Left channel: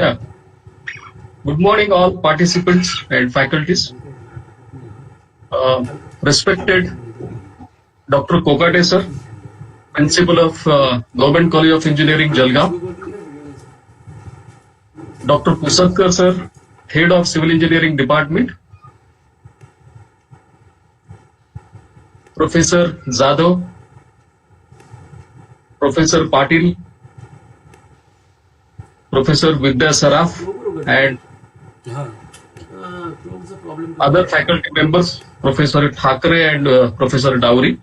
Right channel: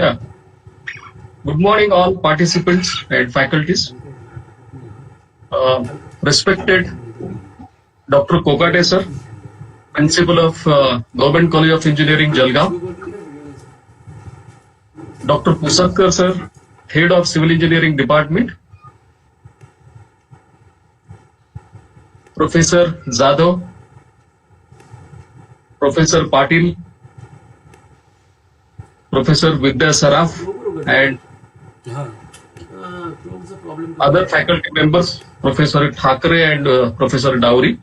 Yeah. Good morning, all participants and faculties. Respected Dr. Kokate sir, Principal of Government College of Engineering, Jalgaon. Dr. Pusakkar sir, Head of Civil Engineering Department. Professor Zadav, Professor Patil, Professor Vidya Saraf, and other faculty members, Professor Thakre and Professor Dowry.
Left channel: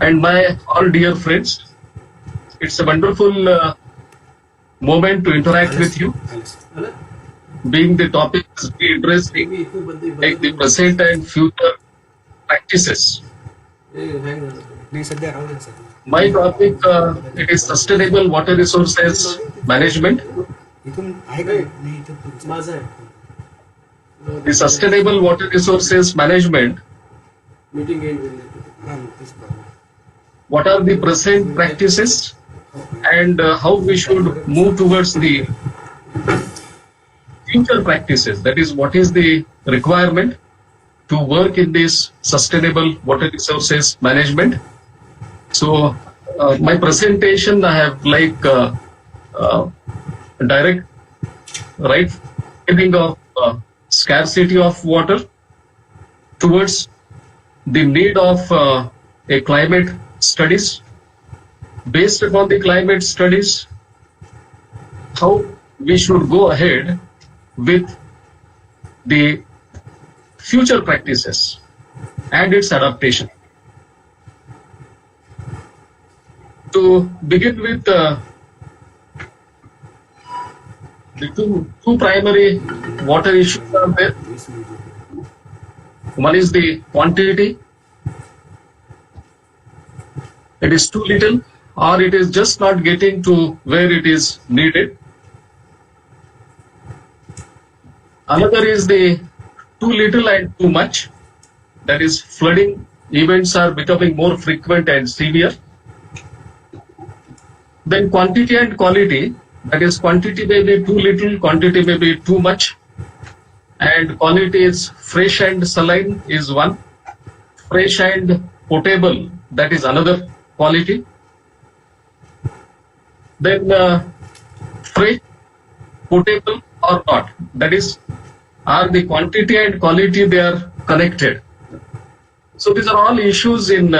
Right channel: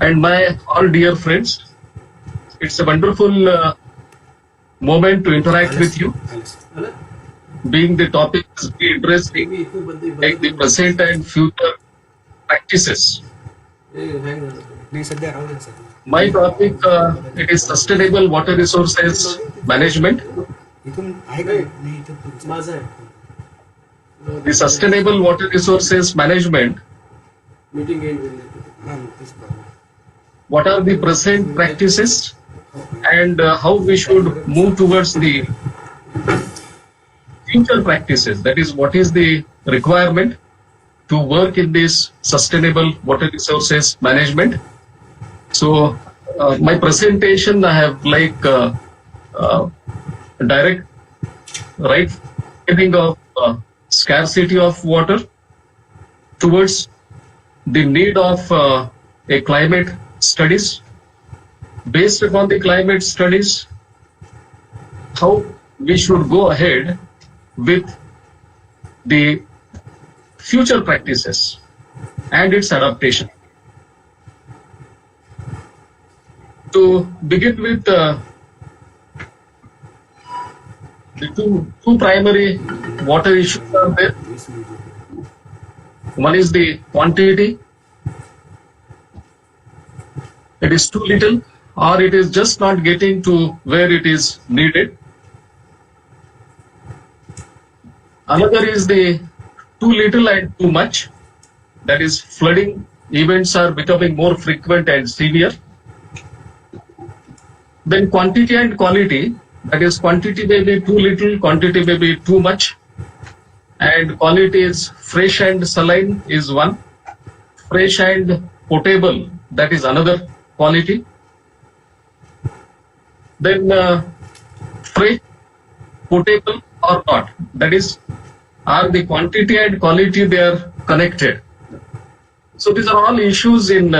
And my all dear friends, it's a wonderful moment to interact with you. Being the topic is very interesting, like the present and future practices. My topic it is sustainable water resources management. The sustainable water resources management. What are the present practices and how we should move towards the future practices? That is, what is the requirement to work in this sustainable water resources management? So my presentation, I have like direct right beginning of scarcity of water towards the need of a climate studies. Based upon the climate studies, how we should go ahead with the future practices and its adaptation. To begin with, the two primary water issues are there. One is the quantity. It is too little or it is just not getting to where it is needed. Another is the too little and too much. That is, flooding events are becoming more frequent and severe. Then quantity and quality, that is, quantity may be too little, quantity may be too much, and quality is fresh and saline is one, fresh and potable, that is another quality. Then fresh, potable or not, that is, are the quantity and quality they are connected. So these are all issues in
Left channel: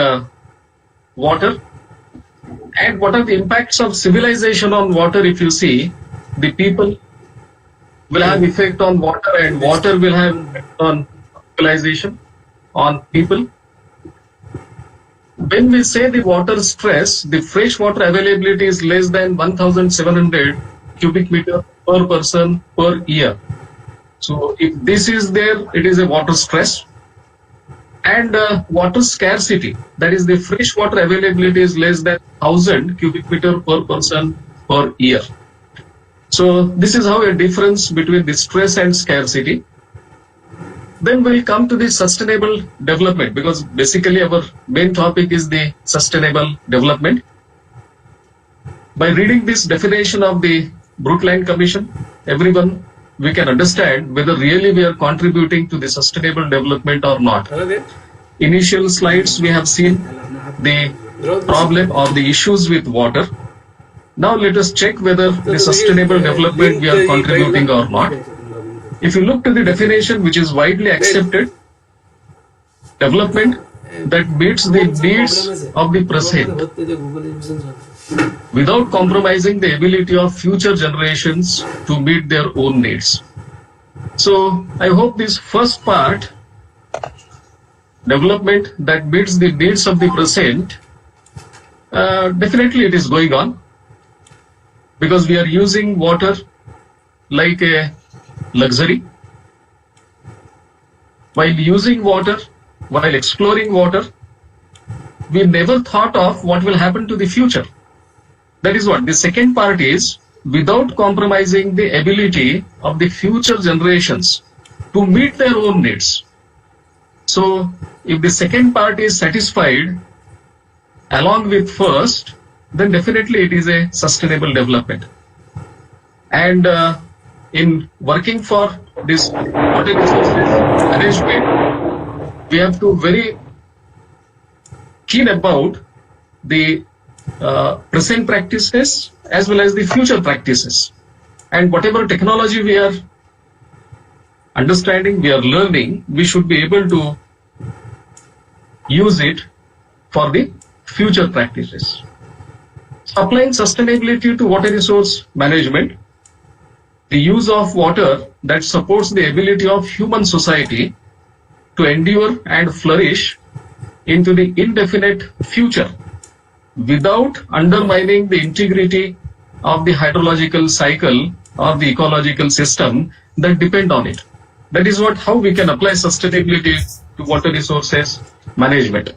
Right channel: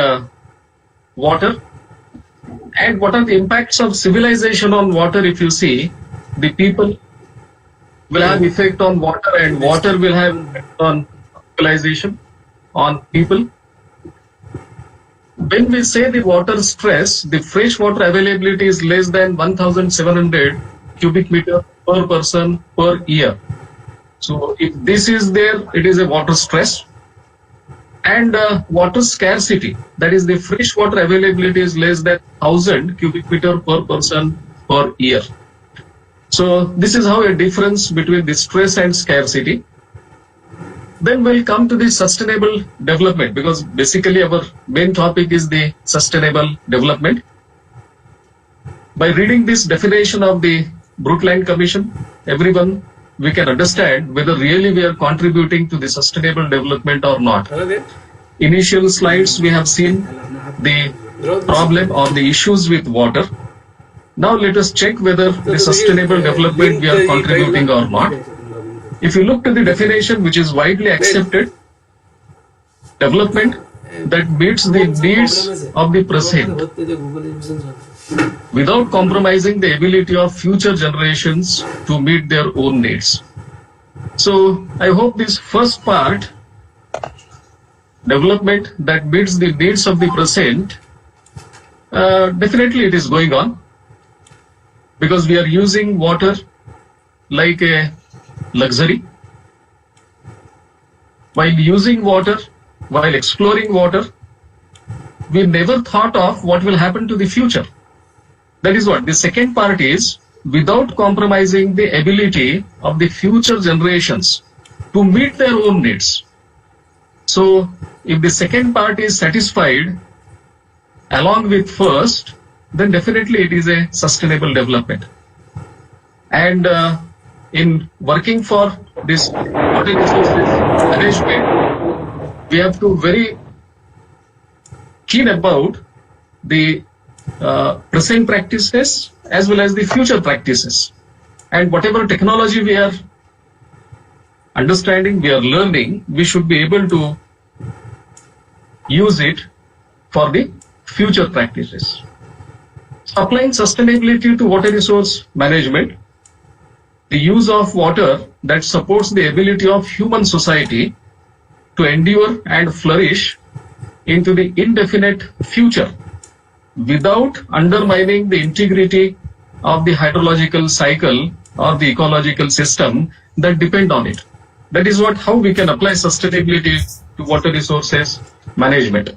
water. And what are the impacts of civilization on water? If you see, the people will have effect on water and water will have effect on civilization, on people. When we say the water stress, the fresh water availability is less than 1,700 cubic meter per person per year. So if this is there, it is a water stress. And water scarcity, that is, the fresh water availability is less than 1,000 cubic meter per person per year. So this is how a difference between the stress and scarcity. Then we'll come to the sustainable development, because basically our main topic is the sustainable development. By reading this definition of the Brundtland Commission, everyone, we can understand whether really we are contributing to the sustainable development or not. Initial slides we have seen the problem or the issues with water. Now let us check whether the sustainable development we are contributing or not. If you look to the definition which is widely accepted, development that meets the needs of the present without compromising the ability of future generations to meet their own needs. So I hope this first part, development that meets the needs of the present, definitely it is going on, because we are using water like a luxury. While using water, while exploring water, we never thought of what will happen to the future. That is what the second part is, without compromising the ability of the future generations to meet their own needs. So if the second part is satisfied along with first, then definitely it is a sustainable development. And in working for this water resources management, we have to very keen about the present practices as well as the future practices. And whatever technology we are understanding, we are learning, we should be able to use it for the future practices. Applying sustainability to water resource management, the use of water that supports the ability of human society to endure and flourish into the indefinite future without undermining the integrity of the hydrological cycle or the ecological system that depend on it. That is how we can apply sustainability to water resources management.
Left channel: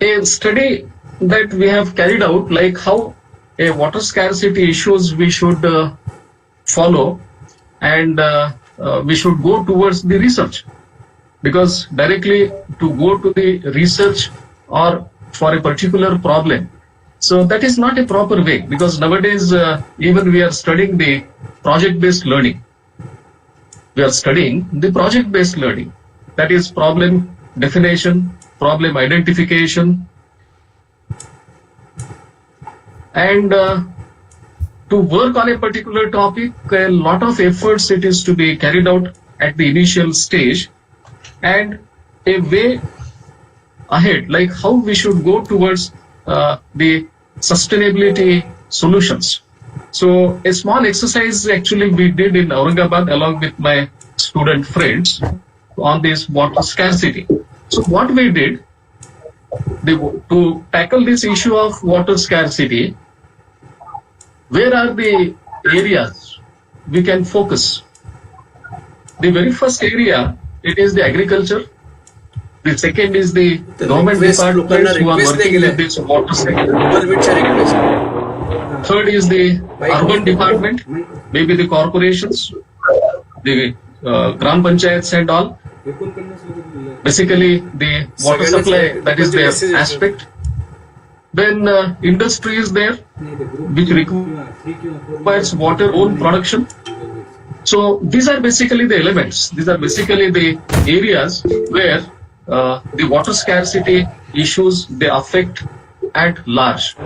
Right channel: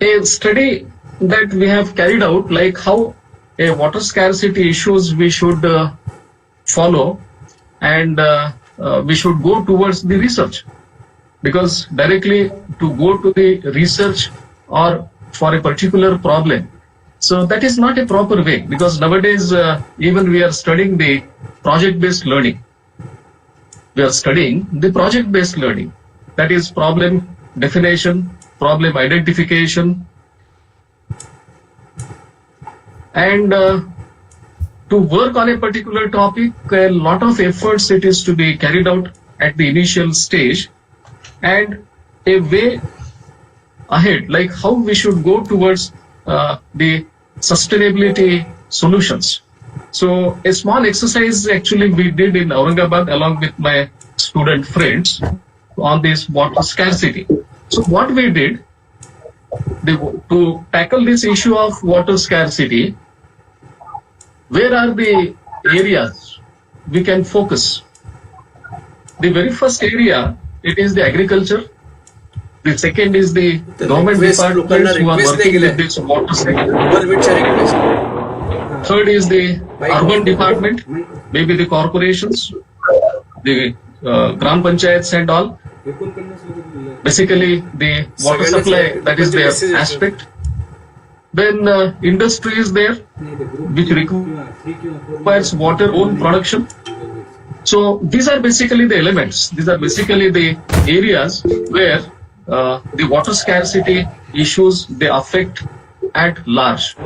A study that we have carried out, like how a water scarcity issues we should follow, and we should go towards the research, because directly to go to the research or for a particular problem, so that is not a proper way, because nowadays even we are studying the project-based learning. We are studying the project-based learning, that is problem definition, problem identification, and to work on a particular topic, a lot of efforts it is to be carried out at the initial stage, and a way ahead, like how we should go towards the sustainability solutions. So a small exercise actually we did in Aurangabad along with my student friends on this water scarcity. So what we did, to tackle this issue of water scarcity, where are the areas we can focus? The very first area, it is the agriculture. The second is the government departments who are working with this water sector. Third is the urban department, maybe the corporations, the Gram Panchayats and all. Basically the water supply, that is their aspect. Then industry is there, which requires water own production. So these are basically the elements. These are basically the areas where the water scarcity issues, they affect at large.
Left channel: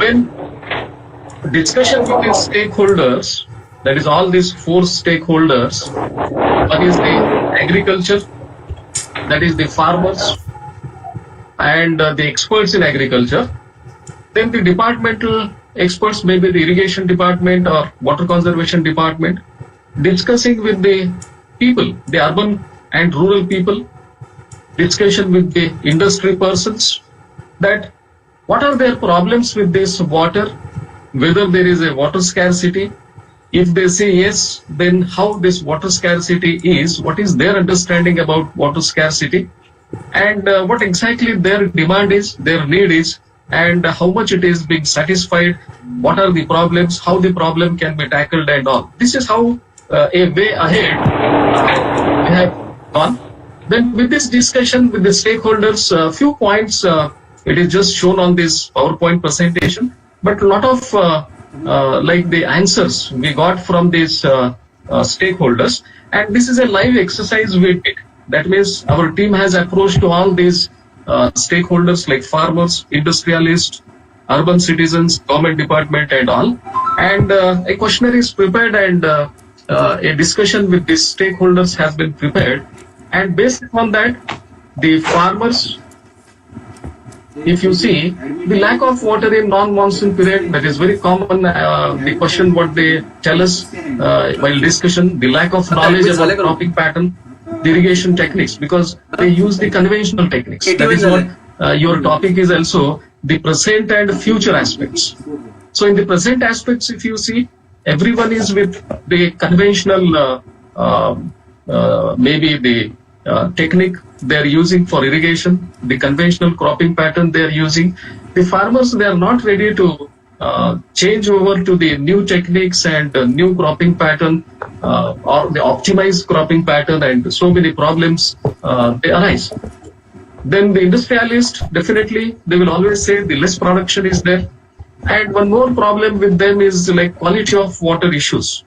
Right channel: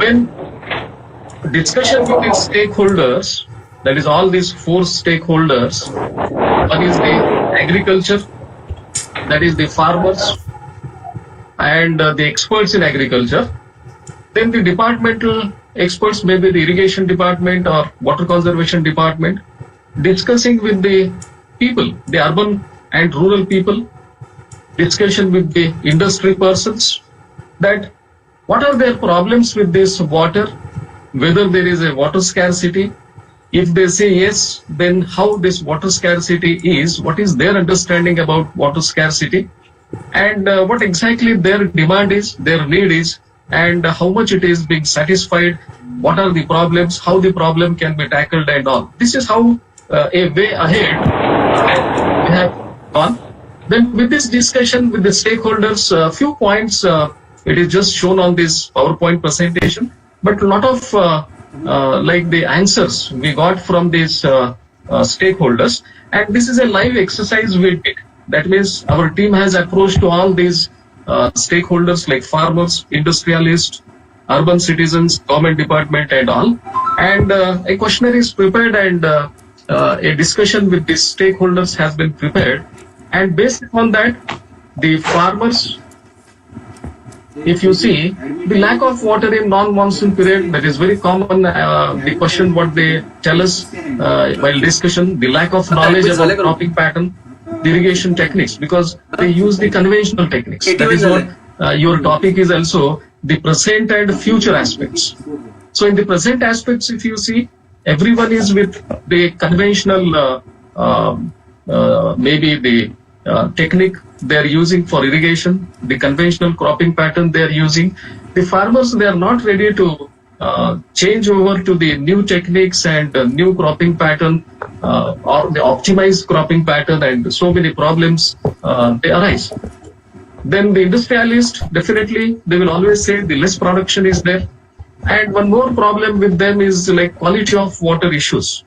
When discussion with the stakeholders, that is all these four stakeholders, one is the agriculture, that is the farmers and the experts in agriculture, then the departmental experts, maybe the irrigation department or water conservation department, discussing with the people, the urban and rural people, discussion with the industry persons, that what are their problems with this water, whether there is a water scarcity. If they say yes, then how this water scarcity is, what is their understanding about water scarcity, and what exactly their demand is, their need is, and how much it is being satisfied, what are the problems, how the problem can be tackled and all. This is how a way ahead we have gone. Then with this discussion with the stakeholders, few points, it is just shown on this PowerPoint presentation, but a lot of like the answers we got from these stakeholders, and this is a live exercise we did. That means our team has approached to all these stakeholders like farmers, industrialists, urban citizens, government department and all, and a questionnaire is prepared, and a discussion with these stakeholders has been prepared, and based on that, the farmers, if you see, the lack of water in non-monsoon period, that is very common, the question what they tell us while discussion, the lack of knowledge about cropping pattern, the irrigation techniques, because they use the conventional techniques. That is what your topic is also, the present and future aspects. So in the present aspects, if you see, everyone is with the conventional, maybe the technique they are using for irrigation, the conventional cropping pattern they are using. The farmers, they are not ready to change over to the new techniques and new cropping pattern or the optimized cropping pattern, and so many problems they arise. Then the industrialist, definitely they will always say the less production is there, And one more problem with them is like quality of water issues.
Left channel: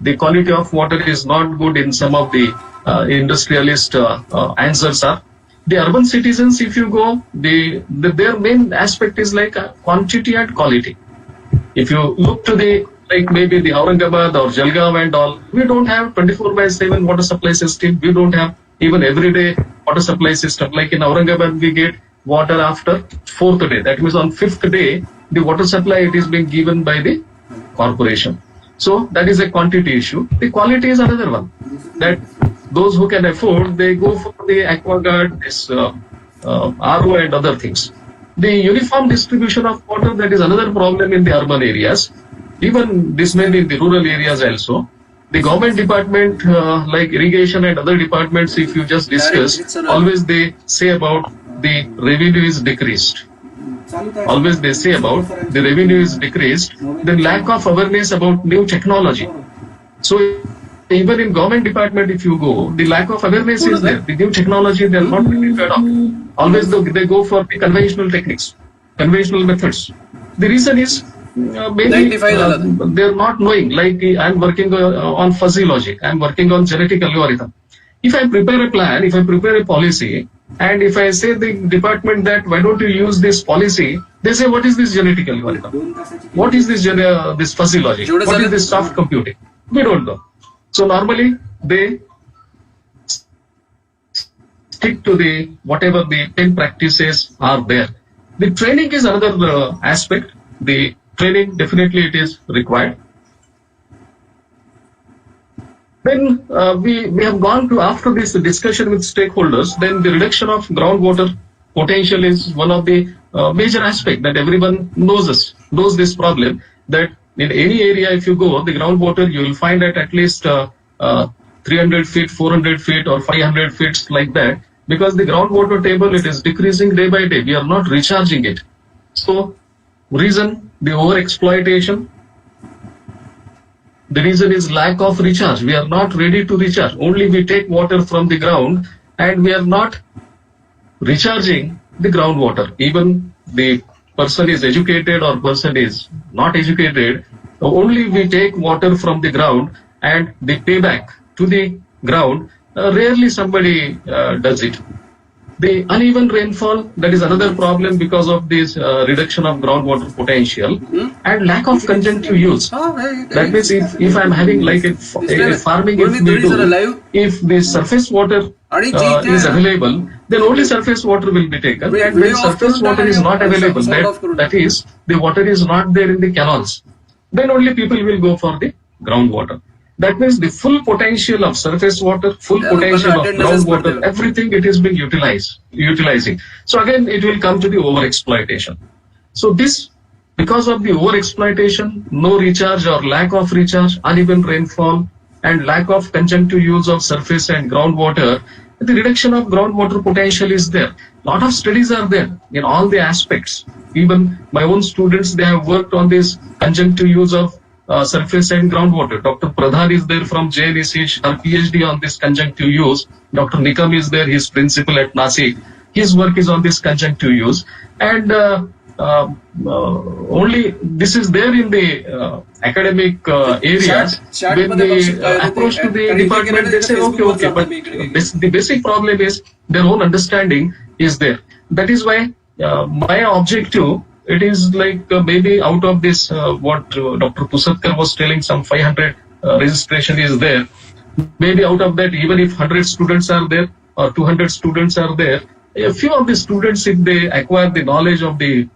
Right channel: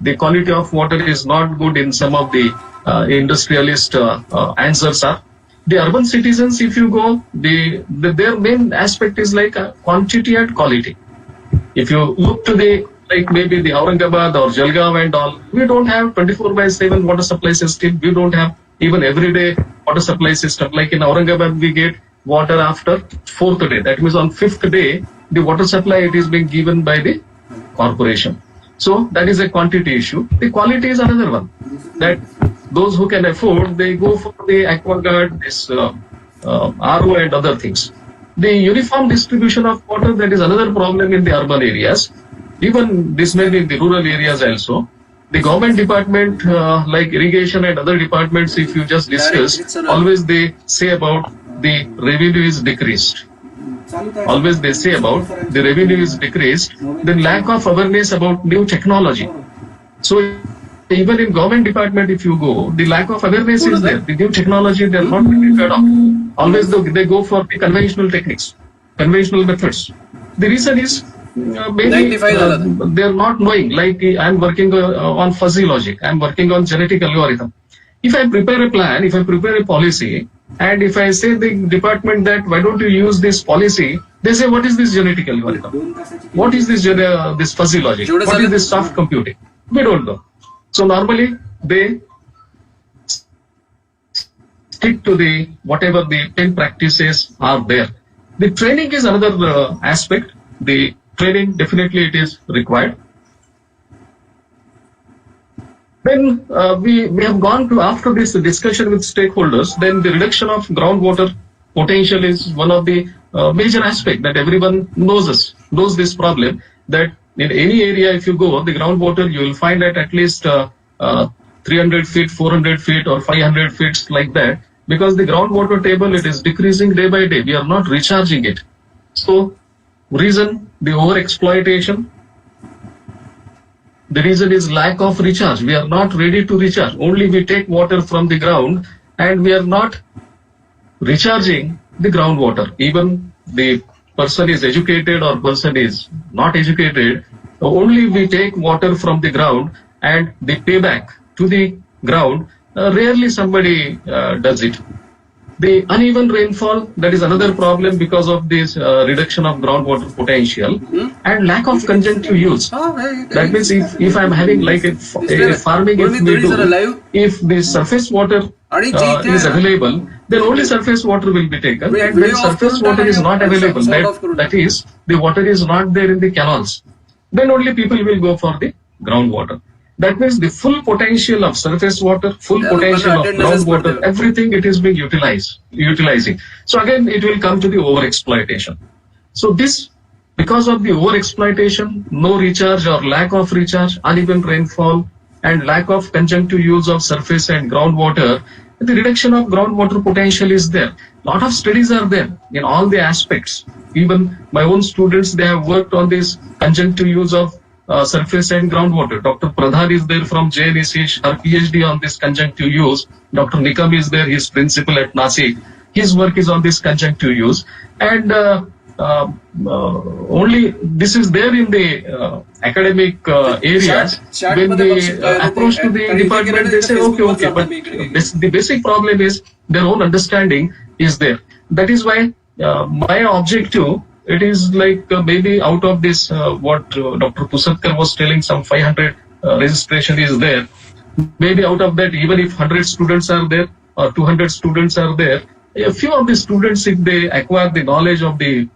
The quality of water is not good in some of the industrialist answers are. The urban citizens, if you go, their main aspect is like quantity and quality. If you look to the like maybe the Aurangabad or Jalgaon and all, we don't have 24/7 water supply system. We don't have even everyday water supply system. Like in Aurangabad, we get water after 4th day. That means on 5th day, the water supply it is being given by the corporation. So that is a quantity issue. The quality is another one. That those who can afford, they go for the AquaGuard, this RO and other things. The uniform distribution of water, that is another problem in the urban areas. Even this may be in the rural areas also. The government department, like irrigation and other departments, if you just discuss, always they say about the revenue is decreased. Always they say about the revenue is decreased. Then lack of awareness about new technology. So even in government department, if you go, the lack of awareness is there. The new technology they are not prepared of. Always they go for the conventional techniques, conventional methods. The reason is maybe they are not knowing. Like I am working on fuzzy logic. I am working on genetic algorithm. If I prepare a plan, if I prepare a policy, and if I say the department that why don't you use this policy, they say what is this genetic algorithm? What is this this fuzzy logic? What is this soft computing? We don't know. So normally they stick to the whatever the 10 practices are there. The training is another aspect. The training definitely it is required. Then we have gone to, after this discussion with stakeholders, then the reduction of groundwater potential is one of the major aspect that everyone knows this problem, that in any area if you go, the groundwater you will find at least 300 feet, 400 feet or 500 feet like that, because the groundwater table it is decreasing day by day. We are not recharging it. So reason, the over exploitation. The reason is lack of recharge. We are not ready to recharge. Only we take water from the ground and we are not recharging the groundwater. Even the person is educated or person is not educated, only we take water from the ground and the payback to the ground, rarely somebody does it. The uneven rainfall, that is another problem because of this reduction of groundwater potential and lack of conjunctive use. That means if I'm having like a farming, if the surface water is available, then only surface water will be taken. And when surface water is not available, that is, the water is not there in the canals, then only people will go for the groundwater. That means the full potential of surface water, full potential of groundwater, everything it is being utilizing. So again, it will come to the over-exploitation. So this, because of the over-exploitation, no recharge or lack of recharge, uneven rainfall, and lack of conjunctive use of surface and groundwater, the reduction of groundwater potential is there. Lot of studies are there in all the aspects. Even my own students, they have worked on this conjunctive use of surface and groundwater. Dr. Pradhan is there from JNEC, her PhD on this conjunctive use. Dr. Nikam is there, he's principal at Nasik. His work is on this conjunctive use. And only this is there in the academic areas. When they approach to the department, they say, okay, but the basic problem is their own understanding is there. That is why my objective, it is like maybe out of this, what Dr. Pusatkar was telling, some 500 registration is there. Maybe out of that, even if 100 students are there or 200 students are there, a few of the students, if they acquire the knowledge of the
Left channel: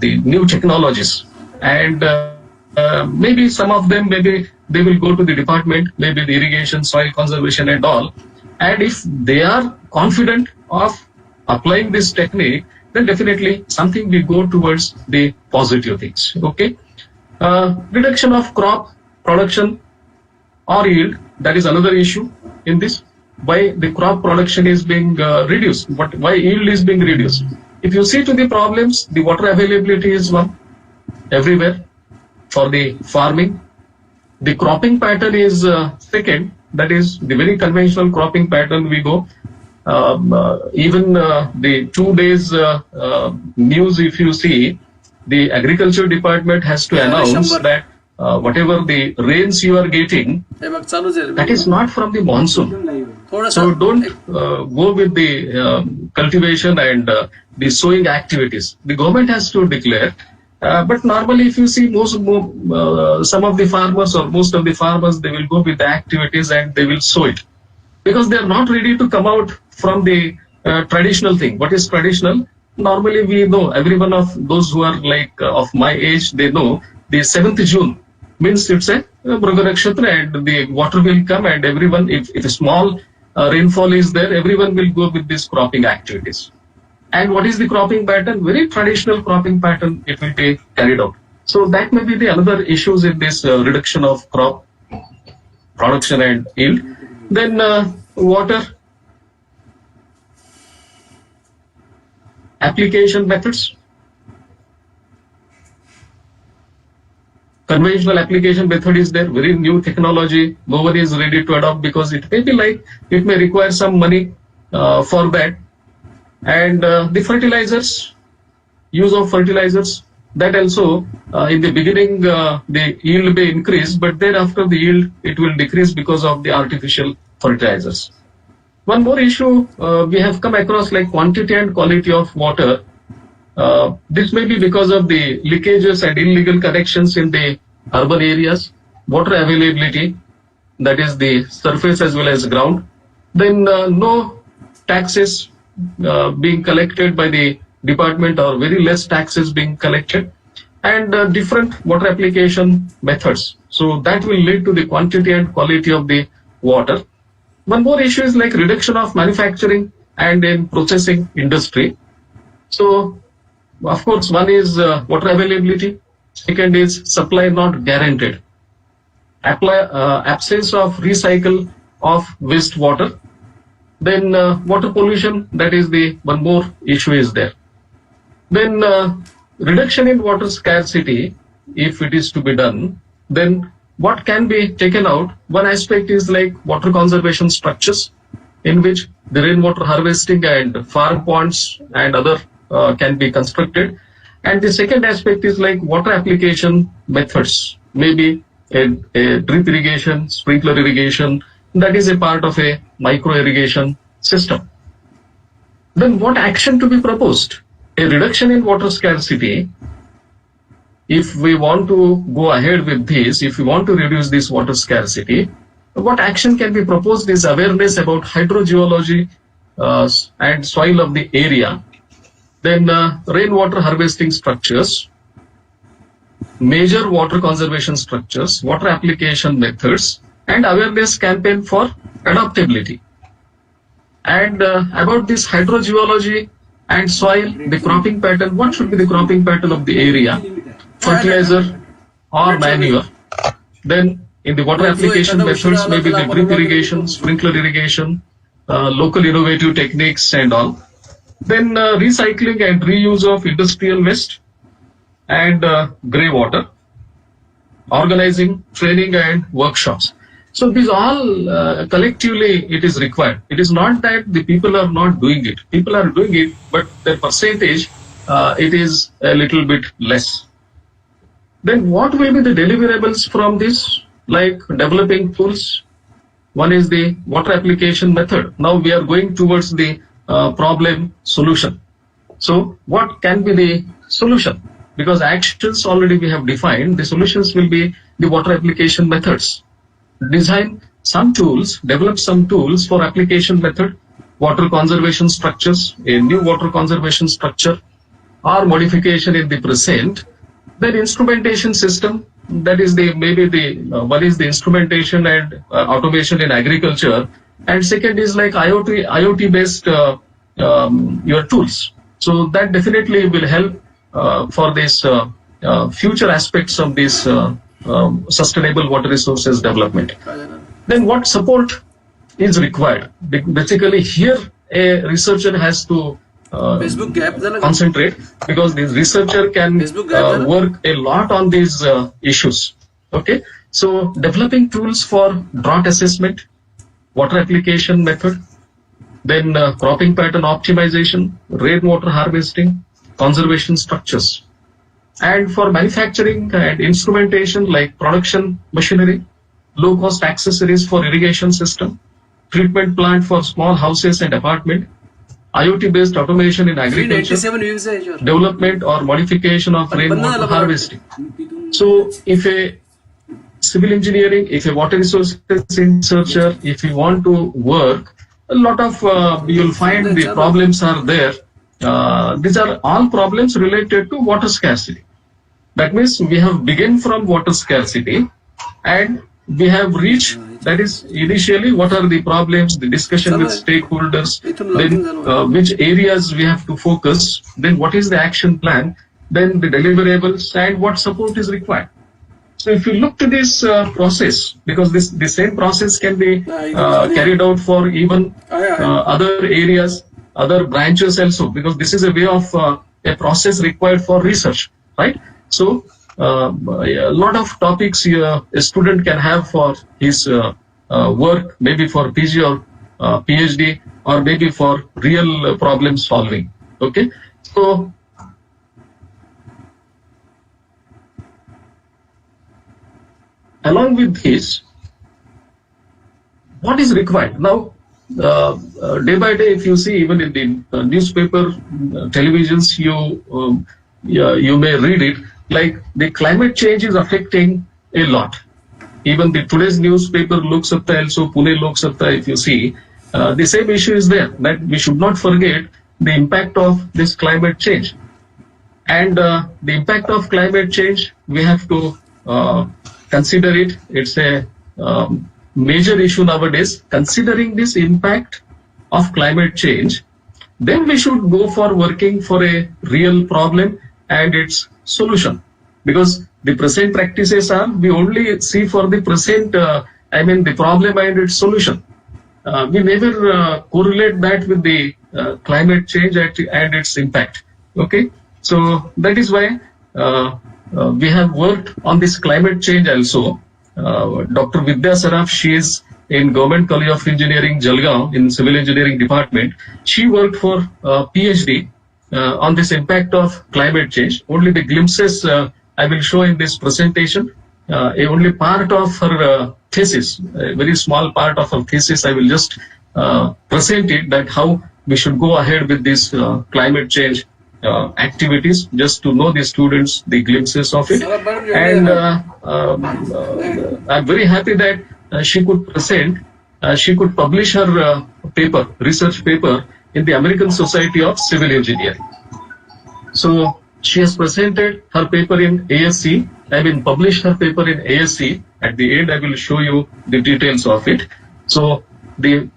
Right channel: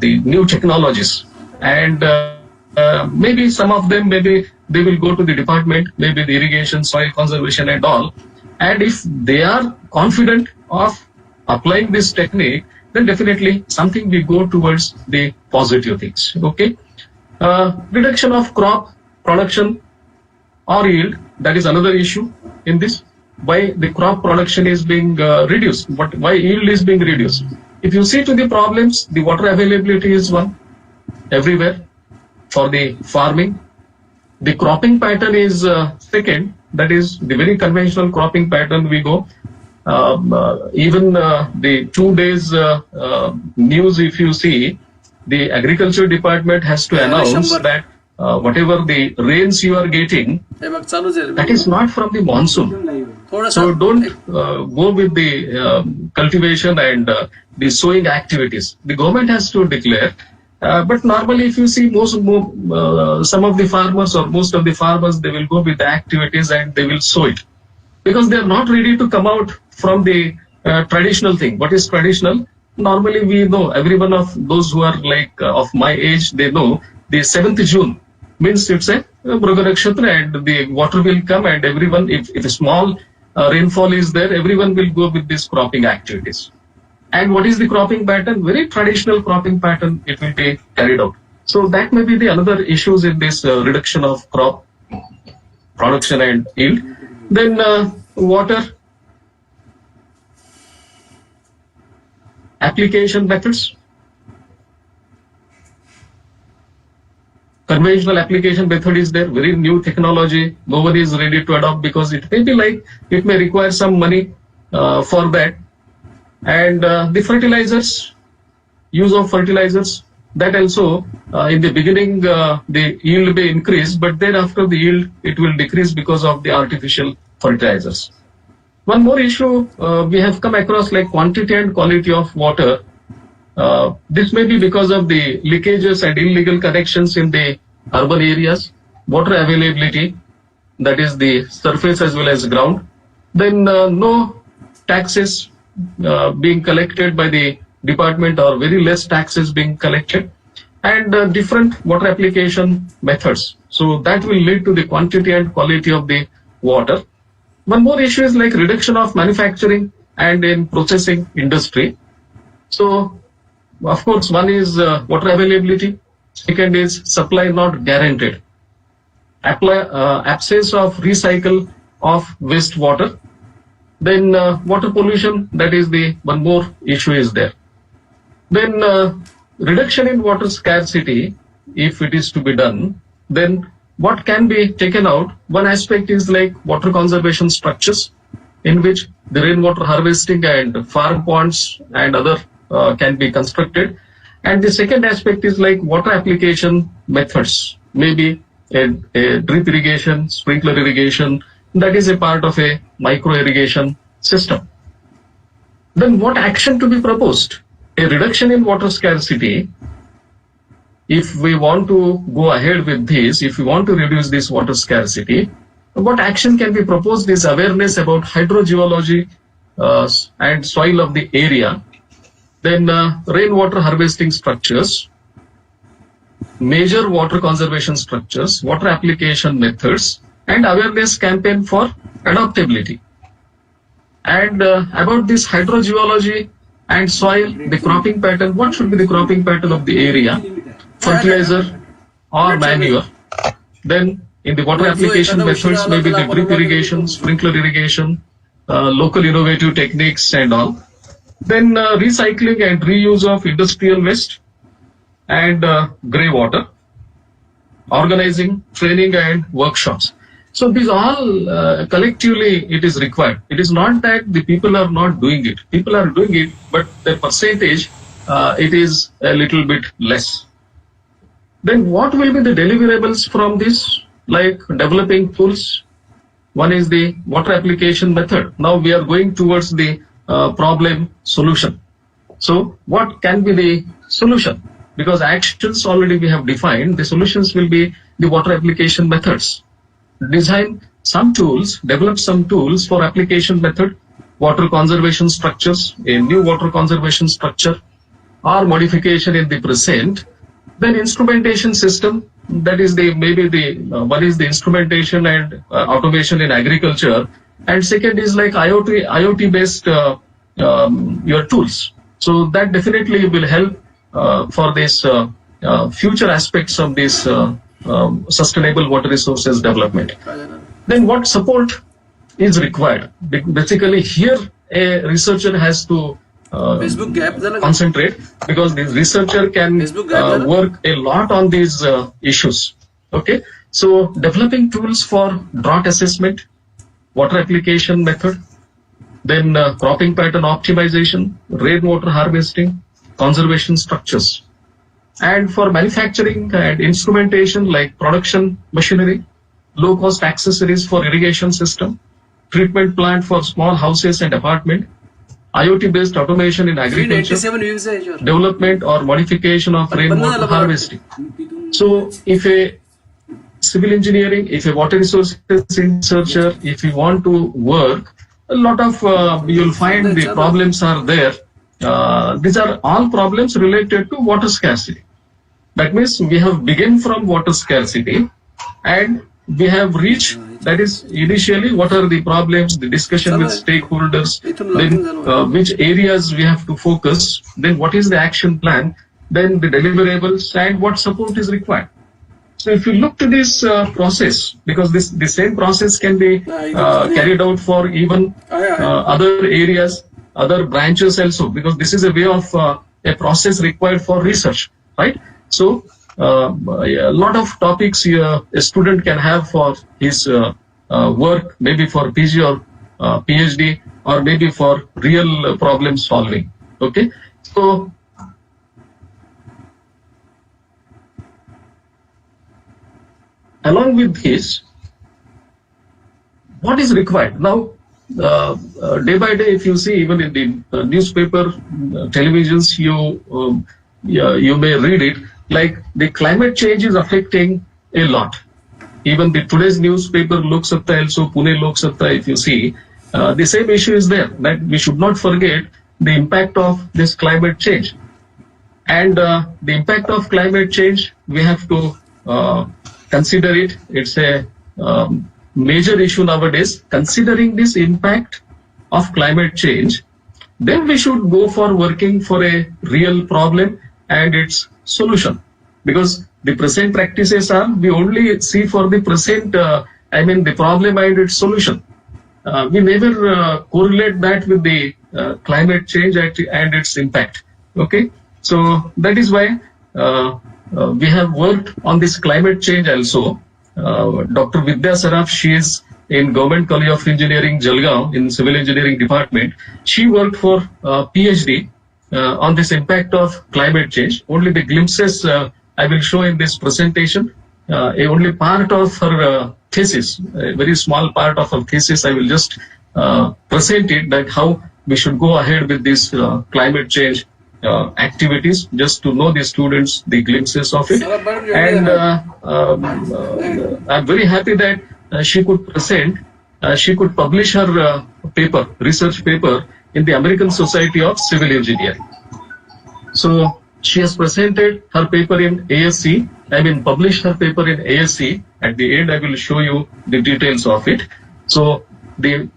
the new technologies, and maybe some of them, maybe they will go to the department, maybe the irrigation, soil conservation and all. And if they are confident of applying this technique, then definitely something will go towards the positive things. Okay. Reduction of crop production or yield, that is another issue in this. Why the crop production is being reduced, but why yield is being reduced? If you see to the problems, the water availability is one everywhere for the farming. The cropping pattern is second, that is the very conventional cropping pattern we go. Even the 2 days news, if you see, the agriculture department has to announce that whatever the rains you are getting, that is not from the monsoon. So don't go with the cultivation and the sowing activities. The government has to declare. But normally, if you see some of the farmers or most of the farmers, they will go with the activities and they will sow it because they are not ready to come out from the traditional thing. What is traditional? Normally, we know every one of those who are like of my age, they know the 7th June means it's a Mruga Nakshatra and the water will come and everyone, if a small rainfall is there, everyone will go with these cropping activities. And what is the cropping pattern? Very traditional cropping pattern it will be carried out. So that may be the another issues in this reduction of crop production and yield. Then water application methods. Conventional application method is there, very new technology. No one is ready to adopt because it may be like, it may require some money for that. And the fertilizers, use of fertilizers, that also in the beginning the yield may increase, but then after the yield it will decrease because of the artificial fertilizers. One more issue we have come across like quantity and quality of water. This may be because of the leakages and illegal connections in the urban areas, water availability, that is the surface as well as ground. Then no taxes being collected by the department or very less taxes being collected and different water application methods. So that will lead to the quantity and quality of the water. One more issue is like reduction of manufacturing and in processing industry. So of course one is water availability, second is supply not guaranteed, absence of recycle of wastewater. Then water pollution, that is the one more issue is there. Then reduction in water scarcity, if it is to be done, then what can be taken out? One aspect is like water conservation structures in which the rainwater harvesting and farm ponds and other can be constructed. And the second aspect is like water application methods, maybe a drip irrigation, sprinkler irrigation, that is a part of a micro irrigation system. Then what action to be proposed? A reduction in water scarcity. If we want to go ahead with this, if we want to reduce this water scarcity, what action can be proposed is awareness about hydrogeology and soil of the area. Then rainwater harvesting structures, major water conservation structures, water application methods, and awareness campaign for adaptability. And about this hydrogeology and soil, the cropping pattern, what should be the cropping pattern of the area? Fertilizer or manure. Then in the water application methods, maybe the drip irrigation, sprinkler irrigation, local innovative techniques and all. Then recycling and reuse of industrial waste and grey water, organizing, training and workshops. So these all collectively it is required. It is not that the people are not doing it. People are doing it, but the percentage it is a little bit less. Then what will be the deliverables from this? Like developing tools. One is the water application method. Now we are going towards the problem solution. So what can be the solution? Because actions already we have defined, the solutions will be the water application methods. Design some tools, develop some tools for application method, water conservation structures, a new water conservation structure or modification in the present. Then instrumentation system, that is the maybe the one is the instrumentation and automation in agriculture, and second is like IoT based your tools. So that definitely will help for this future aspects of this sustainable water resources development. Then what support is required? Basically here a researcher has to concentrate, because this researcher can work a lot on these issues. Okay, so developing tools for drought assessment, water application method, then cropping pattern optimization, rainwater harvesting, conservation structures. And for manufacturing and instrumentation like production machinery, low-cost accessories for irrigation system, treatment plant for small houses and apartment, IoT-based automation in agriculture, development or modification of rainwater harvesting. So if a civil engineering, if a water resources researcher, if you want to work, a lot of you'll find the problems are there. These are all problems related to water scarcity. That means we have begun from water scarcity and we have reached, that is initially what are the problems, the discussion with stakeholders, then which areas we have to focus, then what is the action plan, then the deliverables and what support is required. So if you look to this process, because the same process can be carried out for even other areas, other branches also, because this is a way of a process required for research, right? So a lot of topics a student can have for his work, maybe for PG or PhD, or maybe for real problem solving. Okay, so along with this, what is required now? Day by day, if you see, even in the newspaper, televisions, you may read it, like the climate change is affecting a lot. Even the today's newspaper, Lok Satta, also Pune Lok Satta, if you see, the same issue is there, that we should not forget the impact of this climate change. And the impact of climate change, we have to consider it. It's a major issue nowadays. Considering this impact of climate change, then we should go for working for a real problem and its solution. Because the present practices are, we only see for the present, the problem and its solution. We never correlate that with the climate change and its impact. Okay, so that is why we have worked on this climate change also. Dr. Vidya Saraf, she is in Government College of Engineering, Jalgaon, in Civil Engineering Department. She worked for PhD on this impact of climate change. Only the glimpses I will show in this presentation. Only part of her thesis, a very small part of her thesis, I will just present it, that how we should go ahead with this climate change activities, just to know the students the glimpses of it. And I'm very happy that she could present, she could publish her paper, research paper, in the American Society of Civil Engineering. So she has presented her paper in ASC, published her paper in ASC. At the end, I will show you the details of it. So the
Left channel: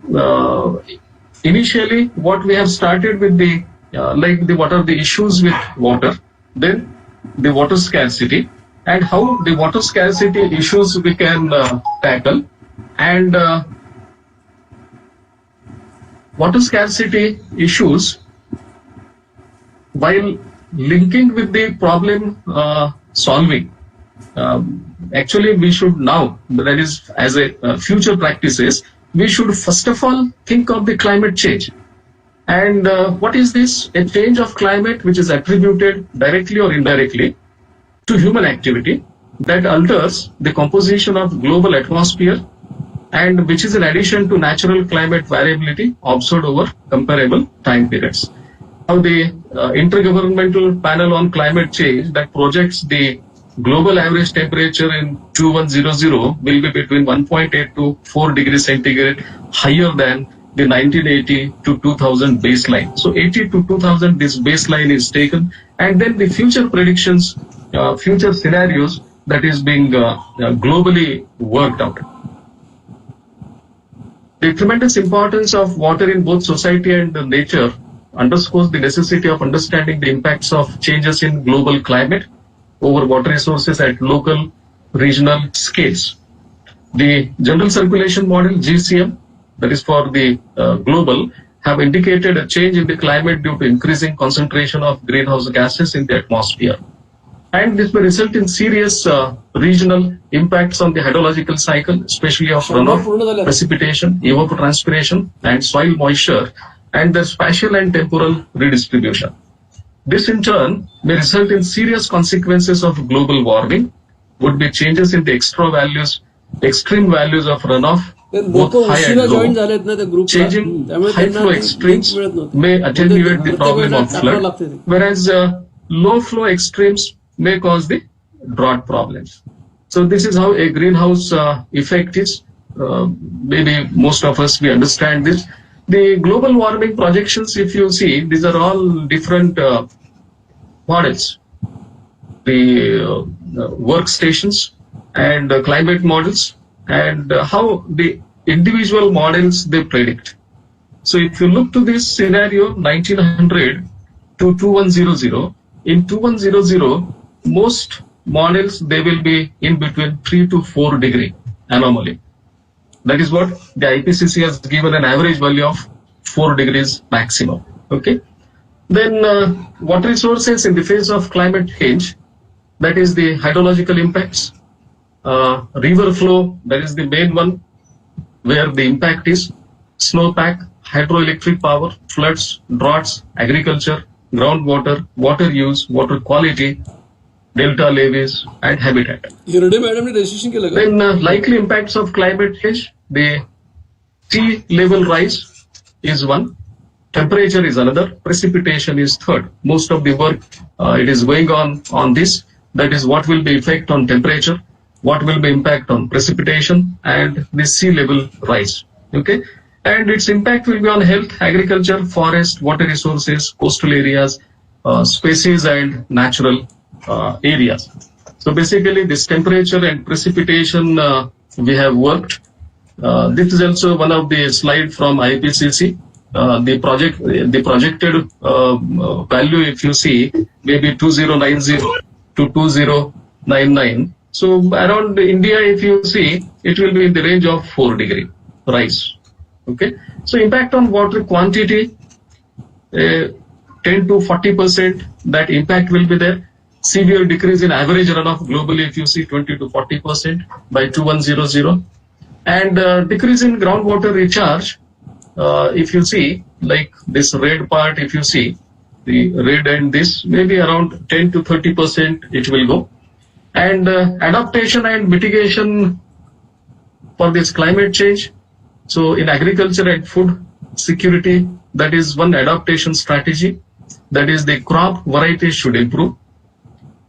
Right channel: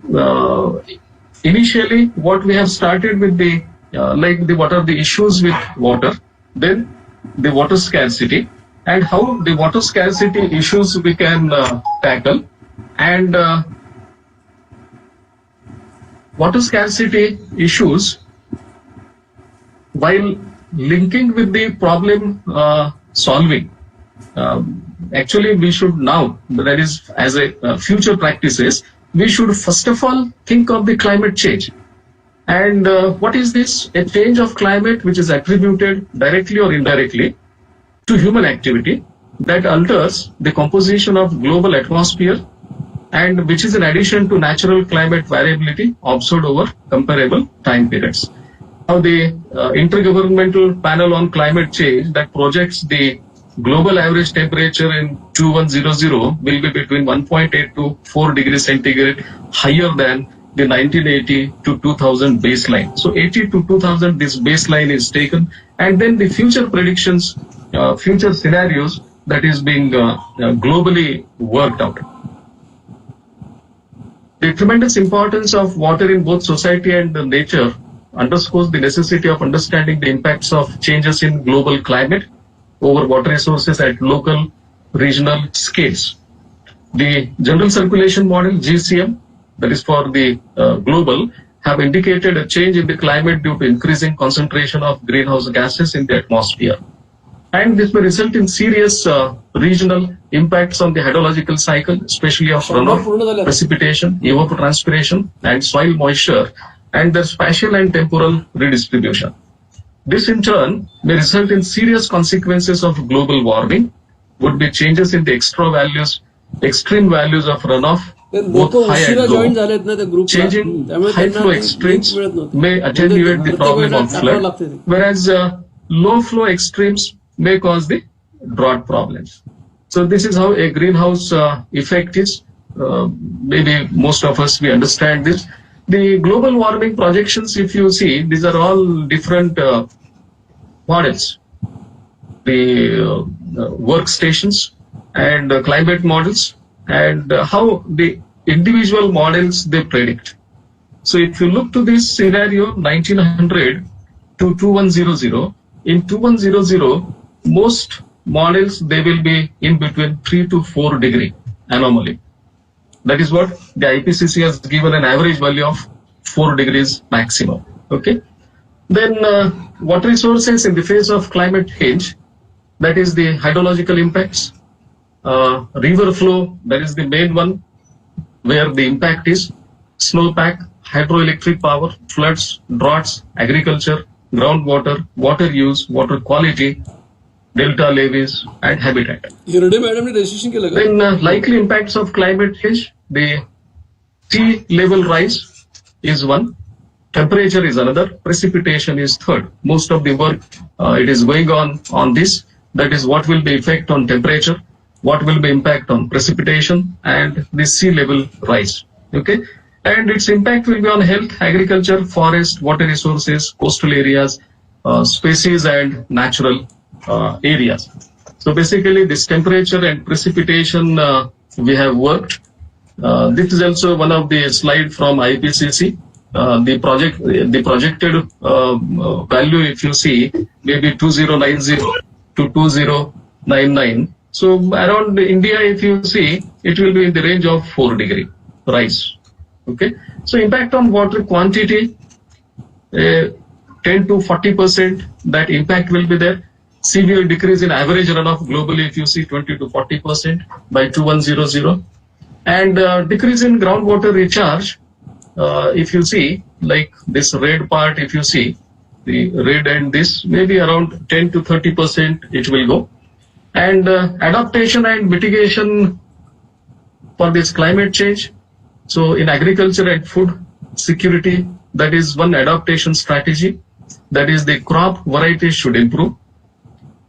initially what we have started with the what are the issues with water, then the water scarcity, and how the water scarcity issues we can tackle, and water scarcity issues while linking with the problem solving. Actually, we should now, that is as a future practices, we should first of all think of the climate change. And what is this? A change of climate which is attributed directly or indirectly to human activity that alters the composition of global atmosphere, and which is in addition to natural climate variability observed over comparable time periods. Now the Intergovernmental Panel on Climate Change that projects the global average temperature in 2100 will be between 1.8 to 4 degrees centigrade higher than the 1980 to 2000 baseline. So 80 to 2000, this baseline is taken, and then the future predictions, future scenarios that is being globally worked out. The tremendous importance of water in both society and nature underscores the necessity of understanding the impacts of changes in global climate over water resources at local, regional scales. The General Circulation Model, GCM, that is for the global, have indicated a change in the climate due to increasing concentration of greenhouse gases in the atmosphere. And this may result in serious regional impacts on the hydrological cycle, especially of runoff, precipitation, evapotranspiration, and soil moisture, and their spatial and temporal redistribution. This in turn may result in serious consequences of global warming, would be changes in the extreme values of runoff, ते both लोक high उशिरा and join low. झालेत ना त्या ग्रुपला, Changing त्यामुळे high त्यांना flow link extremes मिळत नव्हती. may attenuate the प्रत्येक problem वेळेला of टाकावं flood, लागते ते. whereas low flow extremes may cause the drought problems. So this is how a greenhouse effect is. Maybe most of us, we understand this. The global warming projections, if you see, these are all different models. The workstations and climate models, and how the individual models they predict. So if you look to this scenario 1900 to 2100, in 2100, most models they will be in between 3 to 4 degree anomaly. That is what the IPCC has given an average value of 4 degrees maximum. Okay. Then water resources in the face of climate change, that is the hydrological impacts, river flow, that is the main one where the impact is, snowpack, hydroelectric power, floods, droughts, agriculture, groundwater, water use, water quality, delta levees, and habitat. Hirde मॅडमने registration केलं का? Then likely impacts of climate change, the sea level rise is one, temperature is another, precipitation is third. Most of the work it is going on this. That is what will be effect on temperature, what will be impact on precipitation, and the sea level rise. Okay, and its impact will be on health, agriculture, forest, water resources, coastal areas, species, and natural areas. So basically, this temperature and precipitation we have worked. This is also one of the slide from IPCC. The projected value, if you see, maybe 2090 to 2099. So around India, if you see, it will be in the range of 4 degree rise. Okay. So impact on water quantity, 10 to 40%, that impact will be there. Severe decrease in average runoff globally, if you see, 20 to 40% by 2100. And decrease in groundwater recharge, if you see, like this red part, if you see, the red and this, maybe around 10 to 30% it will go. And adaptation and mitigation for this climate change. So in agriculture and food security, that is one adaptation strategy. That is the crop varieties should improve.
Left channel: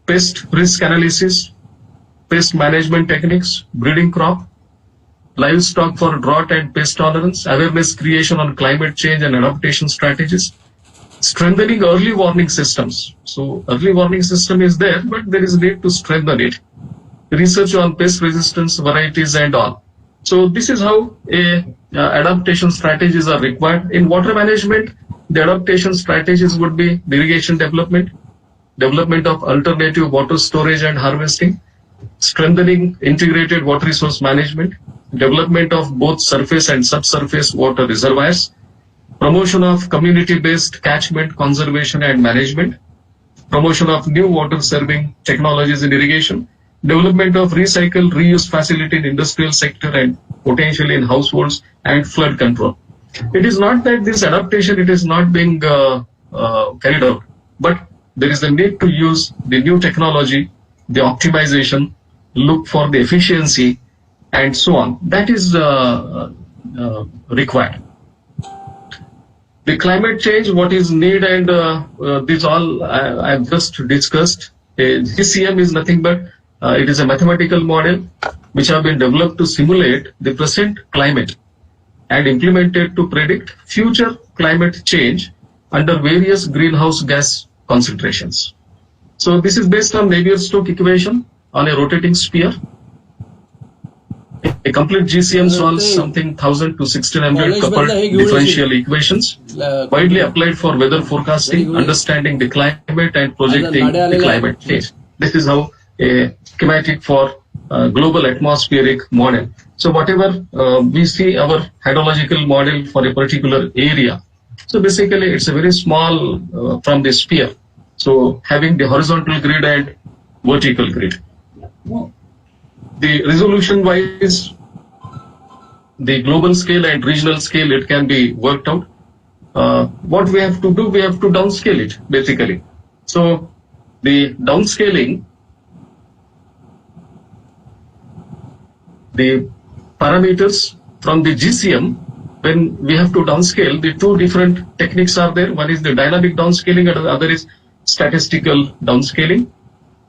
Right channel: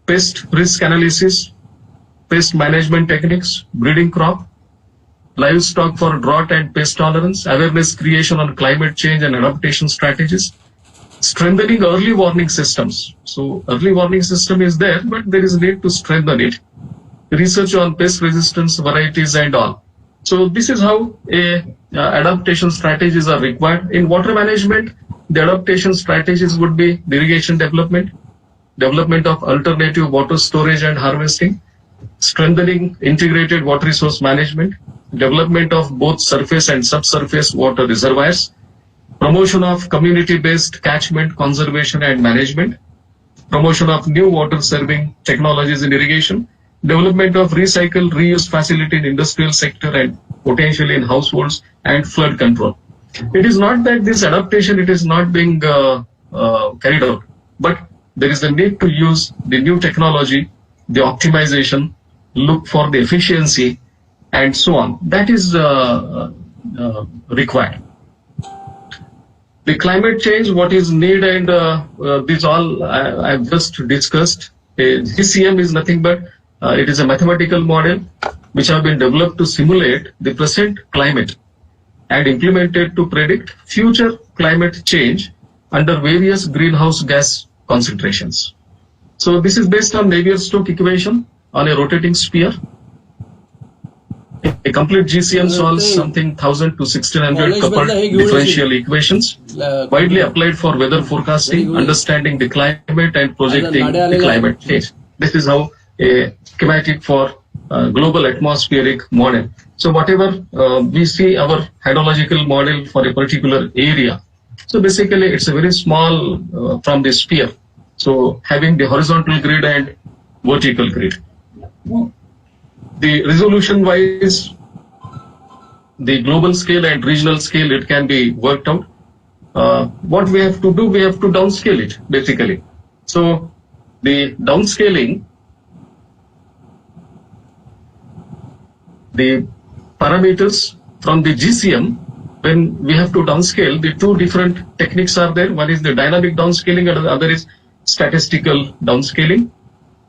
Pest risk analysis, pest management techniques, breeding crop, livestock for drought and pest tolerance, awareness creation on climate change and adaptation strategies, strengthening early warning systems. So early warning system is there, but there is need to strengthen it. Research on pest resistance varieties and all. So this is how adaptation strategies are required. In water management, the adaptation strategies would be irrigation development, development of alternative water storage and harvesting, strengthening integrated water resource management, development of both surface and subsurface water reservoirs, promotion of community-based catchment conservation and management, promotion of new water serving technologies in irrigation, development of recycle reuse facility in industrial sector and potentially in households, and flood control. It is not that this adaptation it is not being carried out, but there is a need to use the new technology, the optimization, look for the efficiency, and so on. That is required. The climate change, what is needed, and this all I've just discussed. GCM is nothing but it is a mathematical model which have been developed to simulate the present climate and implemented to predict future climate change under various greenhouse gas concentrations. So this is based on Navier-Stokes equation on a rotating sphere. A complete GCM solves something 1000 to 1600 coupled differential equations widely applied for weather forecasting, understanding the climate and projecting the climate change. This is how a schematic for global atmospheric model. So whatever we see our hydrological model for a particular area. So basically it's a very small from the sphere. So having the horizontal grid and vertical grid. The resolution wise, the global scale and regional scale, it can be worked out. What we have to do, we have to downscale it basically. So the downscaling, the parameters from the GCM, when we have to downscale, the two different techniques are there. One is the dynamic downscaling and the other is statistical downscaling.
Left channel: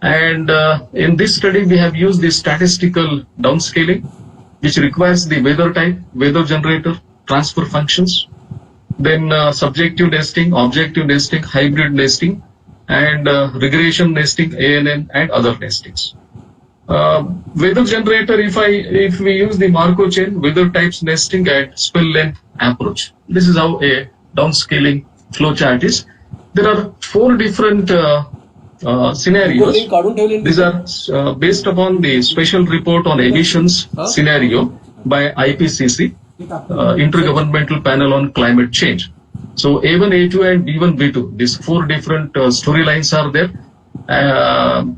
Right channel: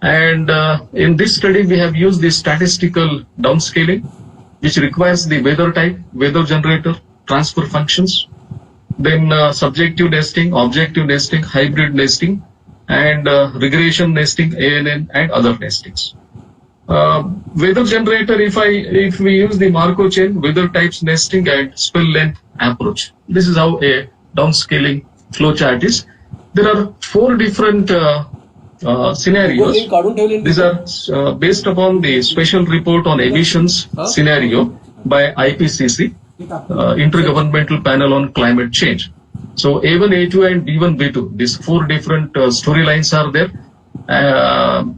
And in this study, we have used the statistical downscaling, which requires the weather type, weather generator, transfer functions, then subjective nesting, objective nesting, hybrid nesting, and regression nesting, ANN, and other nestings. Weather generator, if we use the Markov chain, weather types nesting, and spell length approach. This is how a downscaling flowchart is. There are 4 different scenarios. These are based upon the special report on emissions scenario by IPCC, Intergovernmental Panel on Climate Change. So A1, A2, and B1, B2. These 4 different storylines are there.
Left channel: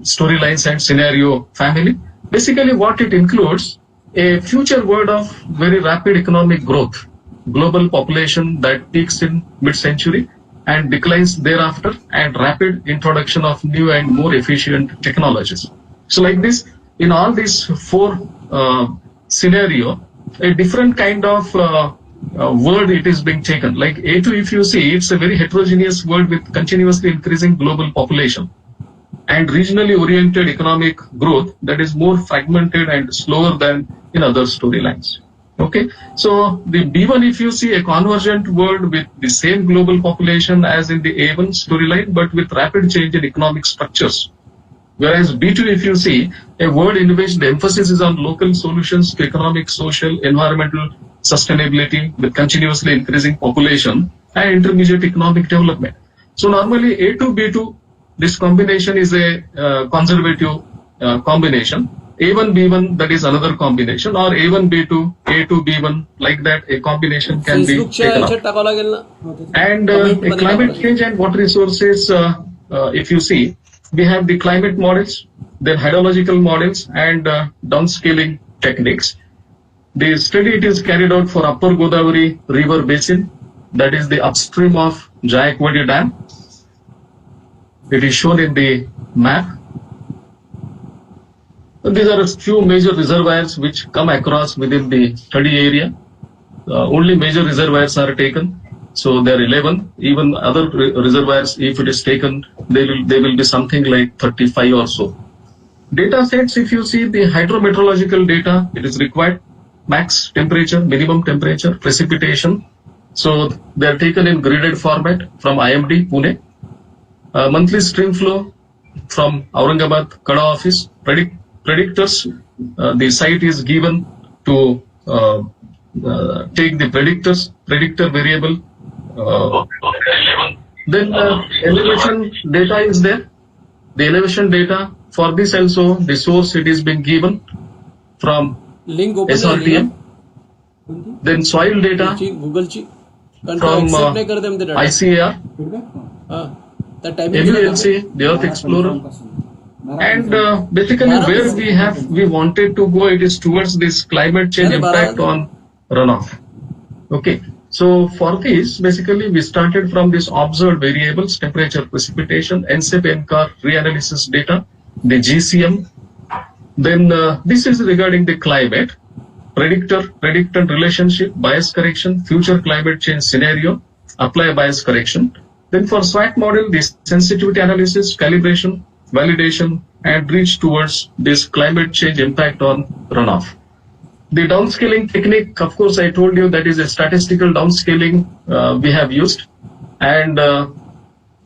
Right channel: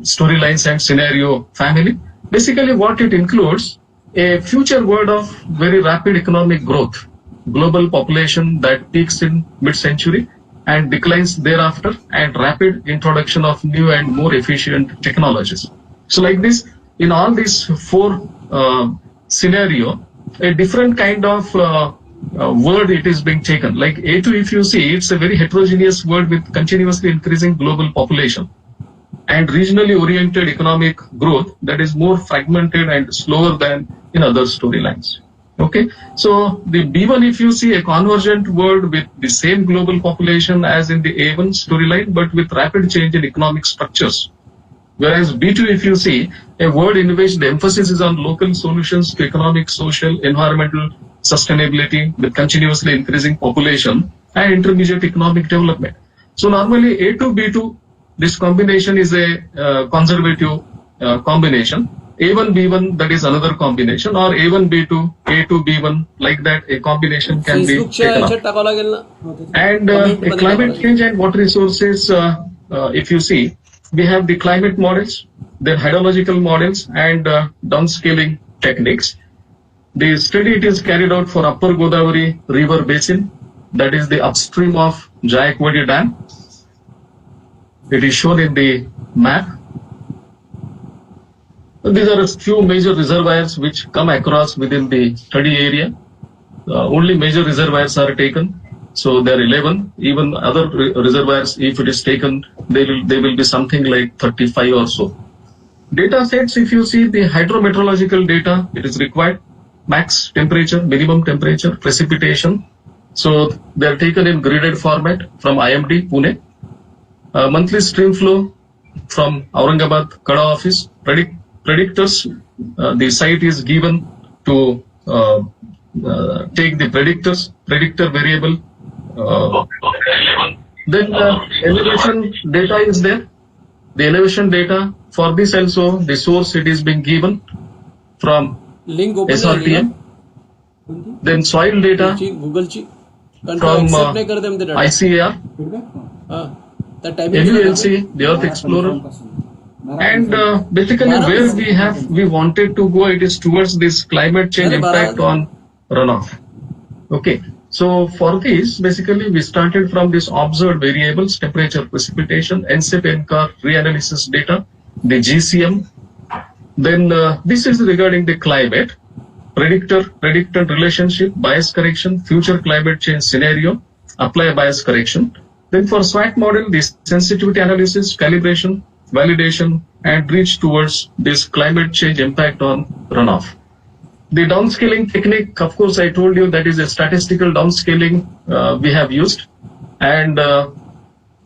Storylines and scenario family. Basically, what it includes, a future world of very rapid economic growth, global population that peaks in mid-century and declines thereafter, and rapid introduction of new and more efficient technologies. So like this, in all these 4 scenario, a different kind of word it is being taken. Like A2, if you see, it's a very heterogeneous world with continuously increasing global population and regionally oriented economic growth that is more fragmented and slower than in other storylines. Okay, so the B1, if you see, a convergent world with the same global population as in the A1 storyline, but with rapid change in economic structures. Whereas B2, if you see, a world in which the emphasis is on local solutions to economic, social, environmental sustainability with continuously increasing population and intermediate economic development. So normally A2, B2, this combination is a conservative combination. A1, B1, that is another combination, or A1, B2, A2, B1, like that, a combination can be taken up. And climate change and water resources, if you see, we have the climate models, then hydrological models, and downscaling techniques. The study it is carried out for Upper Godavari River Basin, that is the upstream of Jayakwadi Dam. It is shown in the map. These are a few major reservoirs which come across within the study area. Only major reservoirs are taken. So there are 11. Even other reservoirs, if it is taken, they will be something like 35 or so. Data sets, if you see the hydrometeorological data, it is required. Max temperature, minimum temperature, precipitation. So they are taken in gridded format from IMD, Pune. Monthly stream flow from Aurangabad Kada office. Predictors, the site is given to take the predictor variable. Then elevation data is there. The elevation data, for this also, the source it is being given from SRTM. Then soil data from ICAR, FULC, the Earth Explorer. And basically where we wanted to go, it is towards this climate change impact on runoff. Okay, so for this, basically we started from this observed variables, temperature, precipitation, NCEP, NCAR, reanalysis data, the GCM. Then this is regarding the climate, predictor-predictant relationship, bias correction, future climate change scenario, apply bias correction. Then for SWOT model, this sensitivity analysis, calibration, validation, and reach towards this climate change impact on runoff. The downscaling technique, of course, I told you that is a statistical downscaling we have used. And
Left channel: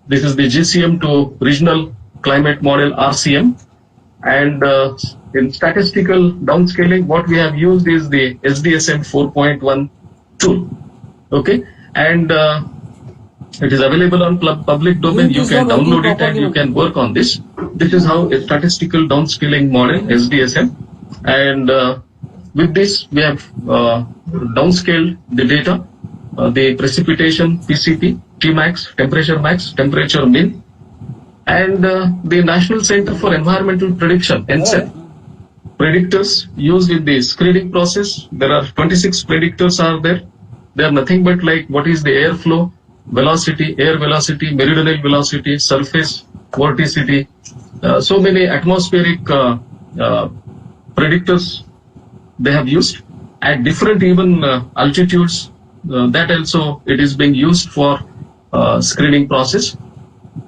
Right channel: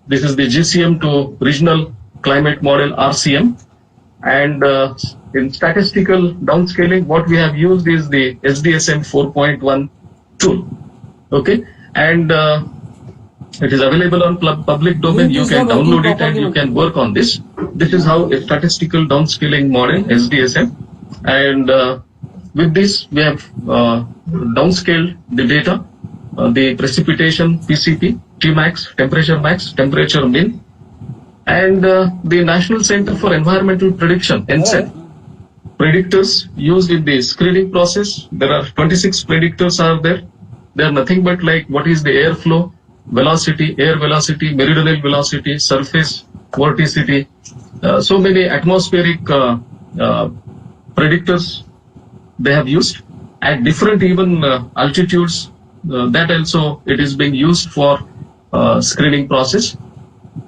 this is the GCM to regional climate model RCM. And in statistical downscaling, what we have used is the SDSM 4.1 tool. Okay. And it is available on public domain. You can download it and you can work on this. This is how a statistical downscaling model, SDSM. And with this, we have downscaled the data, the precipitation, PCP, Tmax, temperature mean, and the National Center for Environmental Prediction, NCEP, predictors used in the screening process. There are 26 predictors are there. They are nothing but like what is the airflow, velocity, air velocity, meridional velocity, surface vorticity, so many atmospheric predictors they have used at different even altitudes. That also it is being used for screening process.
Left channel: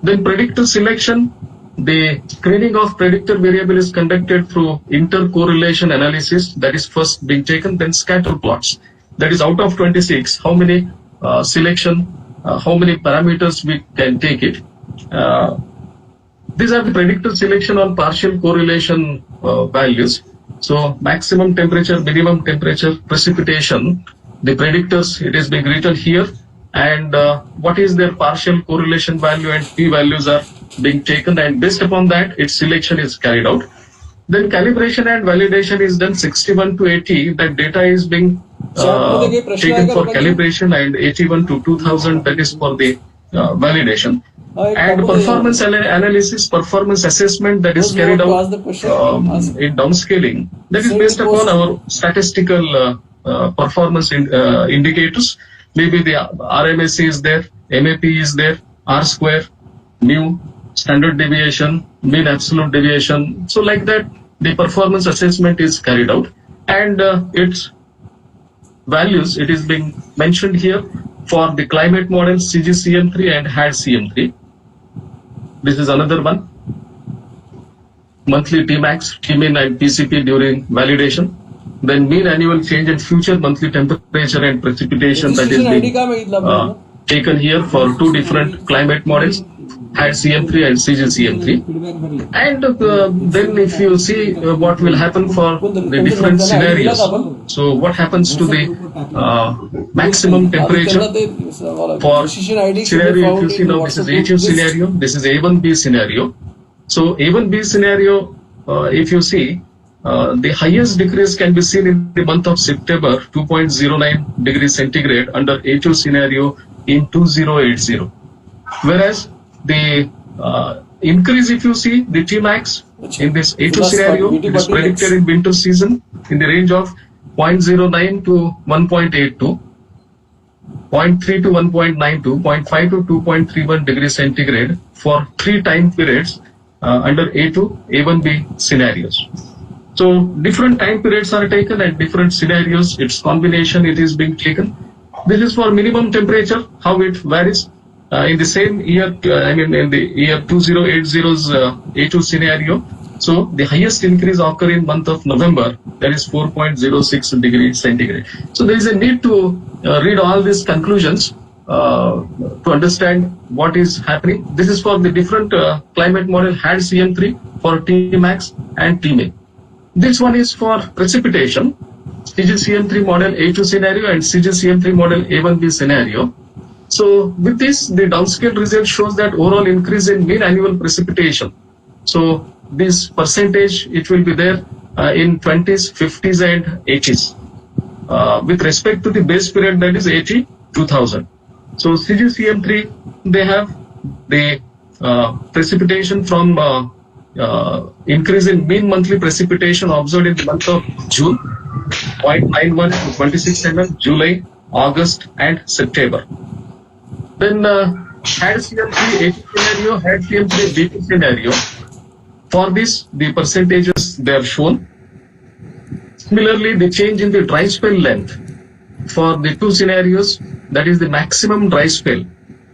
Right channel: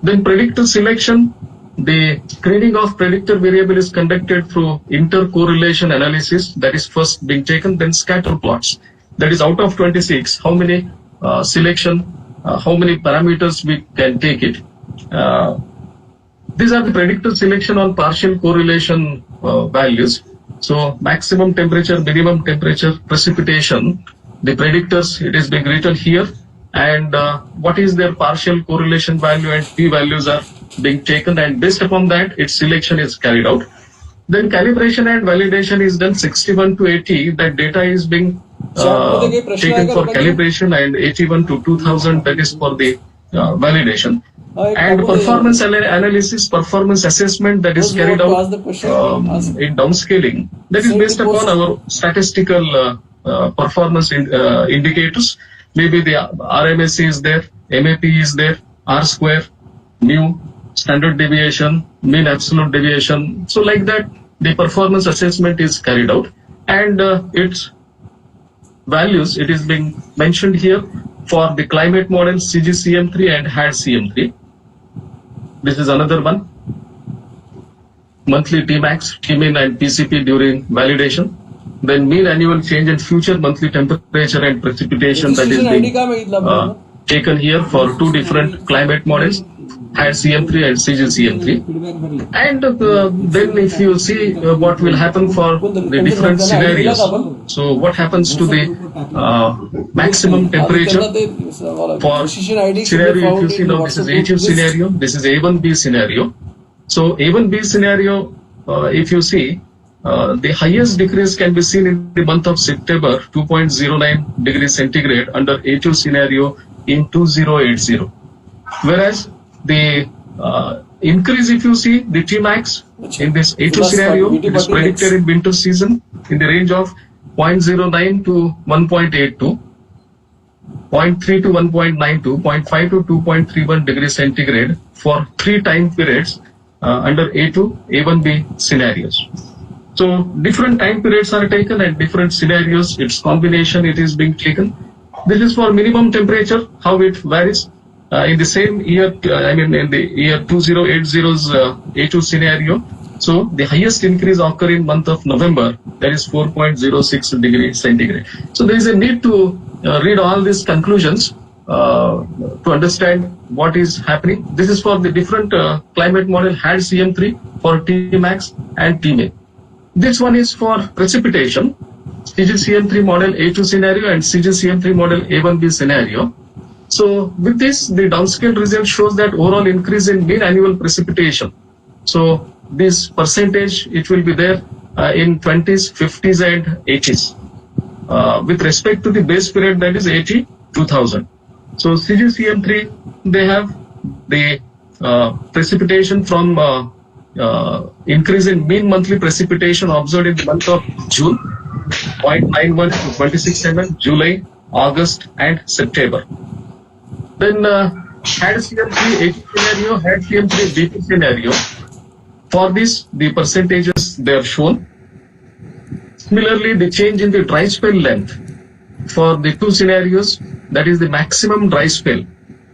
Then predictor selection. The screening of predictor variable is conducted through intercorrelation analysis, that is first being taken, then scatter plots. That is out of 26, how many how many parameters we can take it. These are the predictor selection on partial correlation values. So maximum temperature, minimum temperature, precipitation, the predictors, it is being written here, and what is their partial correlation value and p values are being taken, and based upon that its selection is carried out. Then calibration and validation is done 61 to 80, that data is being taken for calibration, and 81 to 2000, that is for the validation. And performance analysis, performance assessment, that is carried out in downscaling, that is based upon our statistical performance indicators. Maybe the RMSE is there, MAP is there, R square, mu, standard deviation, mean absolute deviation. So like that, the performance assessment is carried out, and its values, it is being mentioned here for the climate model CGCM3 and HAD-CM3. This is another one. Monthly Tmax, Tmin and PCP during validation. Then mean annual change in future monthly temperature and precipitation, that is being taken here for two different climate models, HAD-CM3 and CGCM3. And then if you see what will happen for the different scenarios. So what happens to the maximum temperature for scenario, if you see now, this is A2 scenario, this is A1B scenario. So A1B scenario, if you see, the highest decrease can be seen in the month of September, 2.09 degrees centigrade under A2 scenario in 2080. Whereas the increase, if you see, the Tmax in this A2 scenario, it is predicted in winter season in the range of 0.09 to 1.82, 0.3 to 1.92, 0.5 to 2.31 degrees centigrade for 3 time periods under A2, A1B scenarios. So different time periods are taken at different scenarios. Its combination, it is being taken. This is for minimum temperature, how it varies. In the same year, in the year 2080's A2 scenario, so the highest increase occur in month of November, that is 4.06 degrees centigrade. So there is a need to read all these conclusions to understand what is happening. This is for the different climate model HAD-CM3 for Tmax and Tmin. This one is for precipitation, CGCM3 model A2 scenario and CGCM3 model A1B scenario. So with this, the downscale result shows that overall increase in mean annual precipitation. So this percentage, it will be there in 20s, 50s and 80s with respect to the base period, that is 80, 2000. So CGCM3, they have the precipitation from increase in mean monthly precipitation observed in the month of June, 0.91 to 26 mm, July, August and September. Then HAD-CM3 A2 scenario, HAD-CM3 B2 scenario. For this, the percentages they are shown. Similarly, the change in the dry spell length for the two scenarios, that is the maximum dry spell,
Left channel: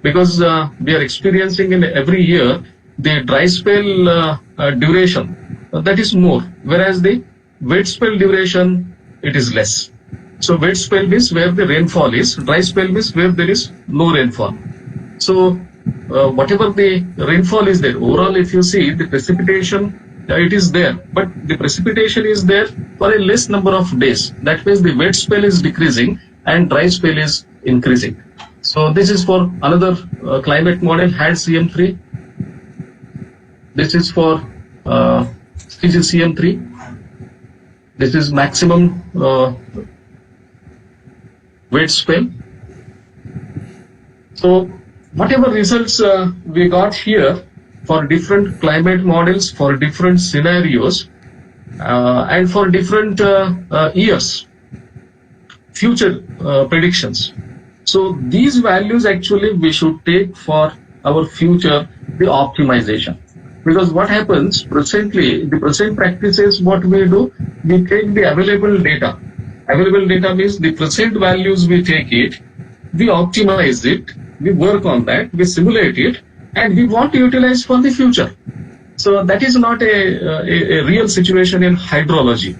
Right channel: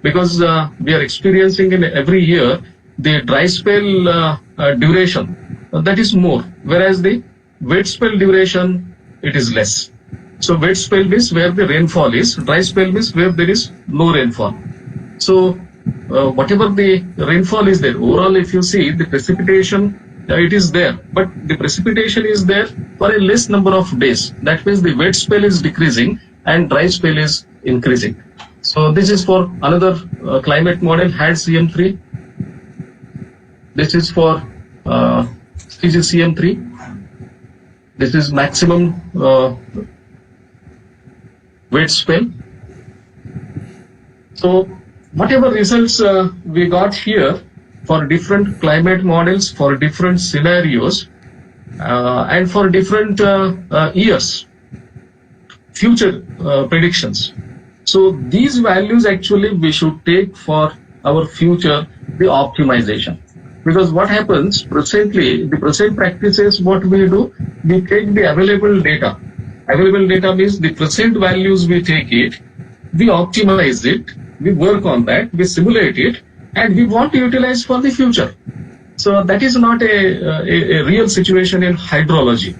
because we are experiencing in every year the dry spell duration, that is more, whereas the wet spell duration, it is less. So wet spell means where the rainfall is, dry spell means where there is no rainfall. So whatever the rainfall is there, overall if you see the precipitation, it is there, but the precipitation is there for a less number of days. That means the wet spell is decreasing and dry spell is increasing. So this is for another climate model HAD-CM3. This is for CGCM3. This is maximum wet spell. So whatever results we got here for different climate models, for different scenarios, and for different years, future predictions. So these values actually we should take for our future the optimization. Because what happens presently, the present practices, what we do, we take the available data. Available data means the present values, we take it, we optimize it, we work on that, we simulate it, and we want to utilize for the future. So that is not a real situation in hydrology.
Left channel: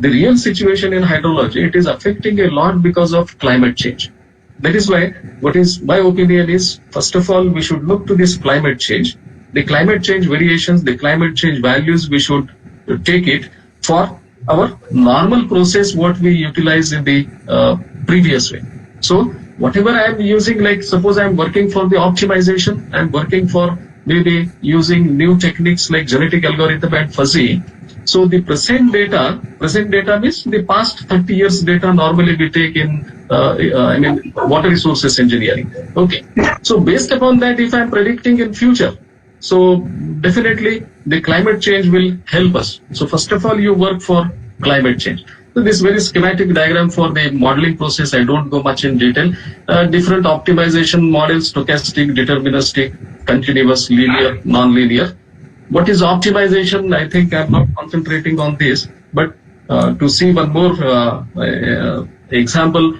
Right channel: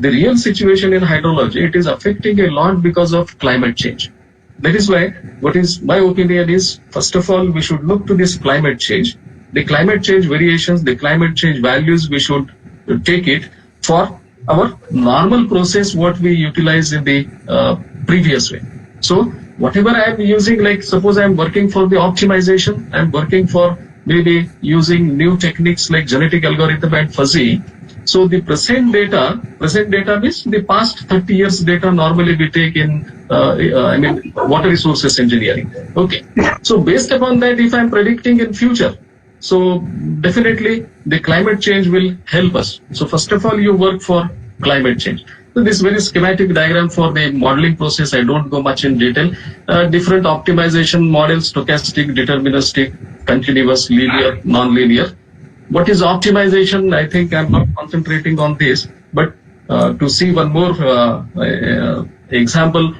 The real situation in hydrology, it is affecting a lot because of climate change. That is why, what is my opinion is, first of all, we should look to this climate change. The climate change variations, the climate change values, we should take it for our normal process, what we utilize in the previous way. So whatever I am using, like suppose I am working for the optimization, I am working for maybe using new techniques like genetic algorithm and fuzzy. So the present data means the past 30 years data normally we take in water resources engineering. Okay. So based upon that, if I am predicting in future, so definitely the climate change will help us. So first of all, you work for climate change. So this very schematic diagram for the modeling process, I don't go much in detail. Different optimization models, stochastic, deterministic, continuous, linear, non-linear. What is optimization? I think I'm not concentrating on this, but to see one more example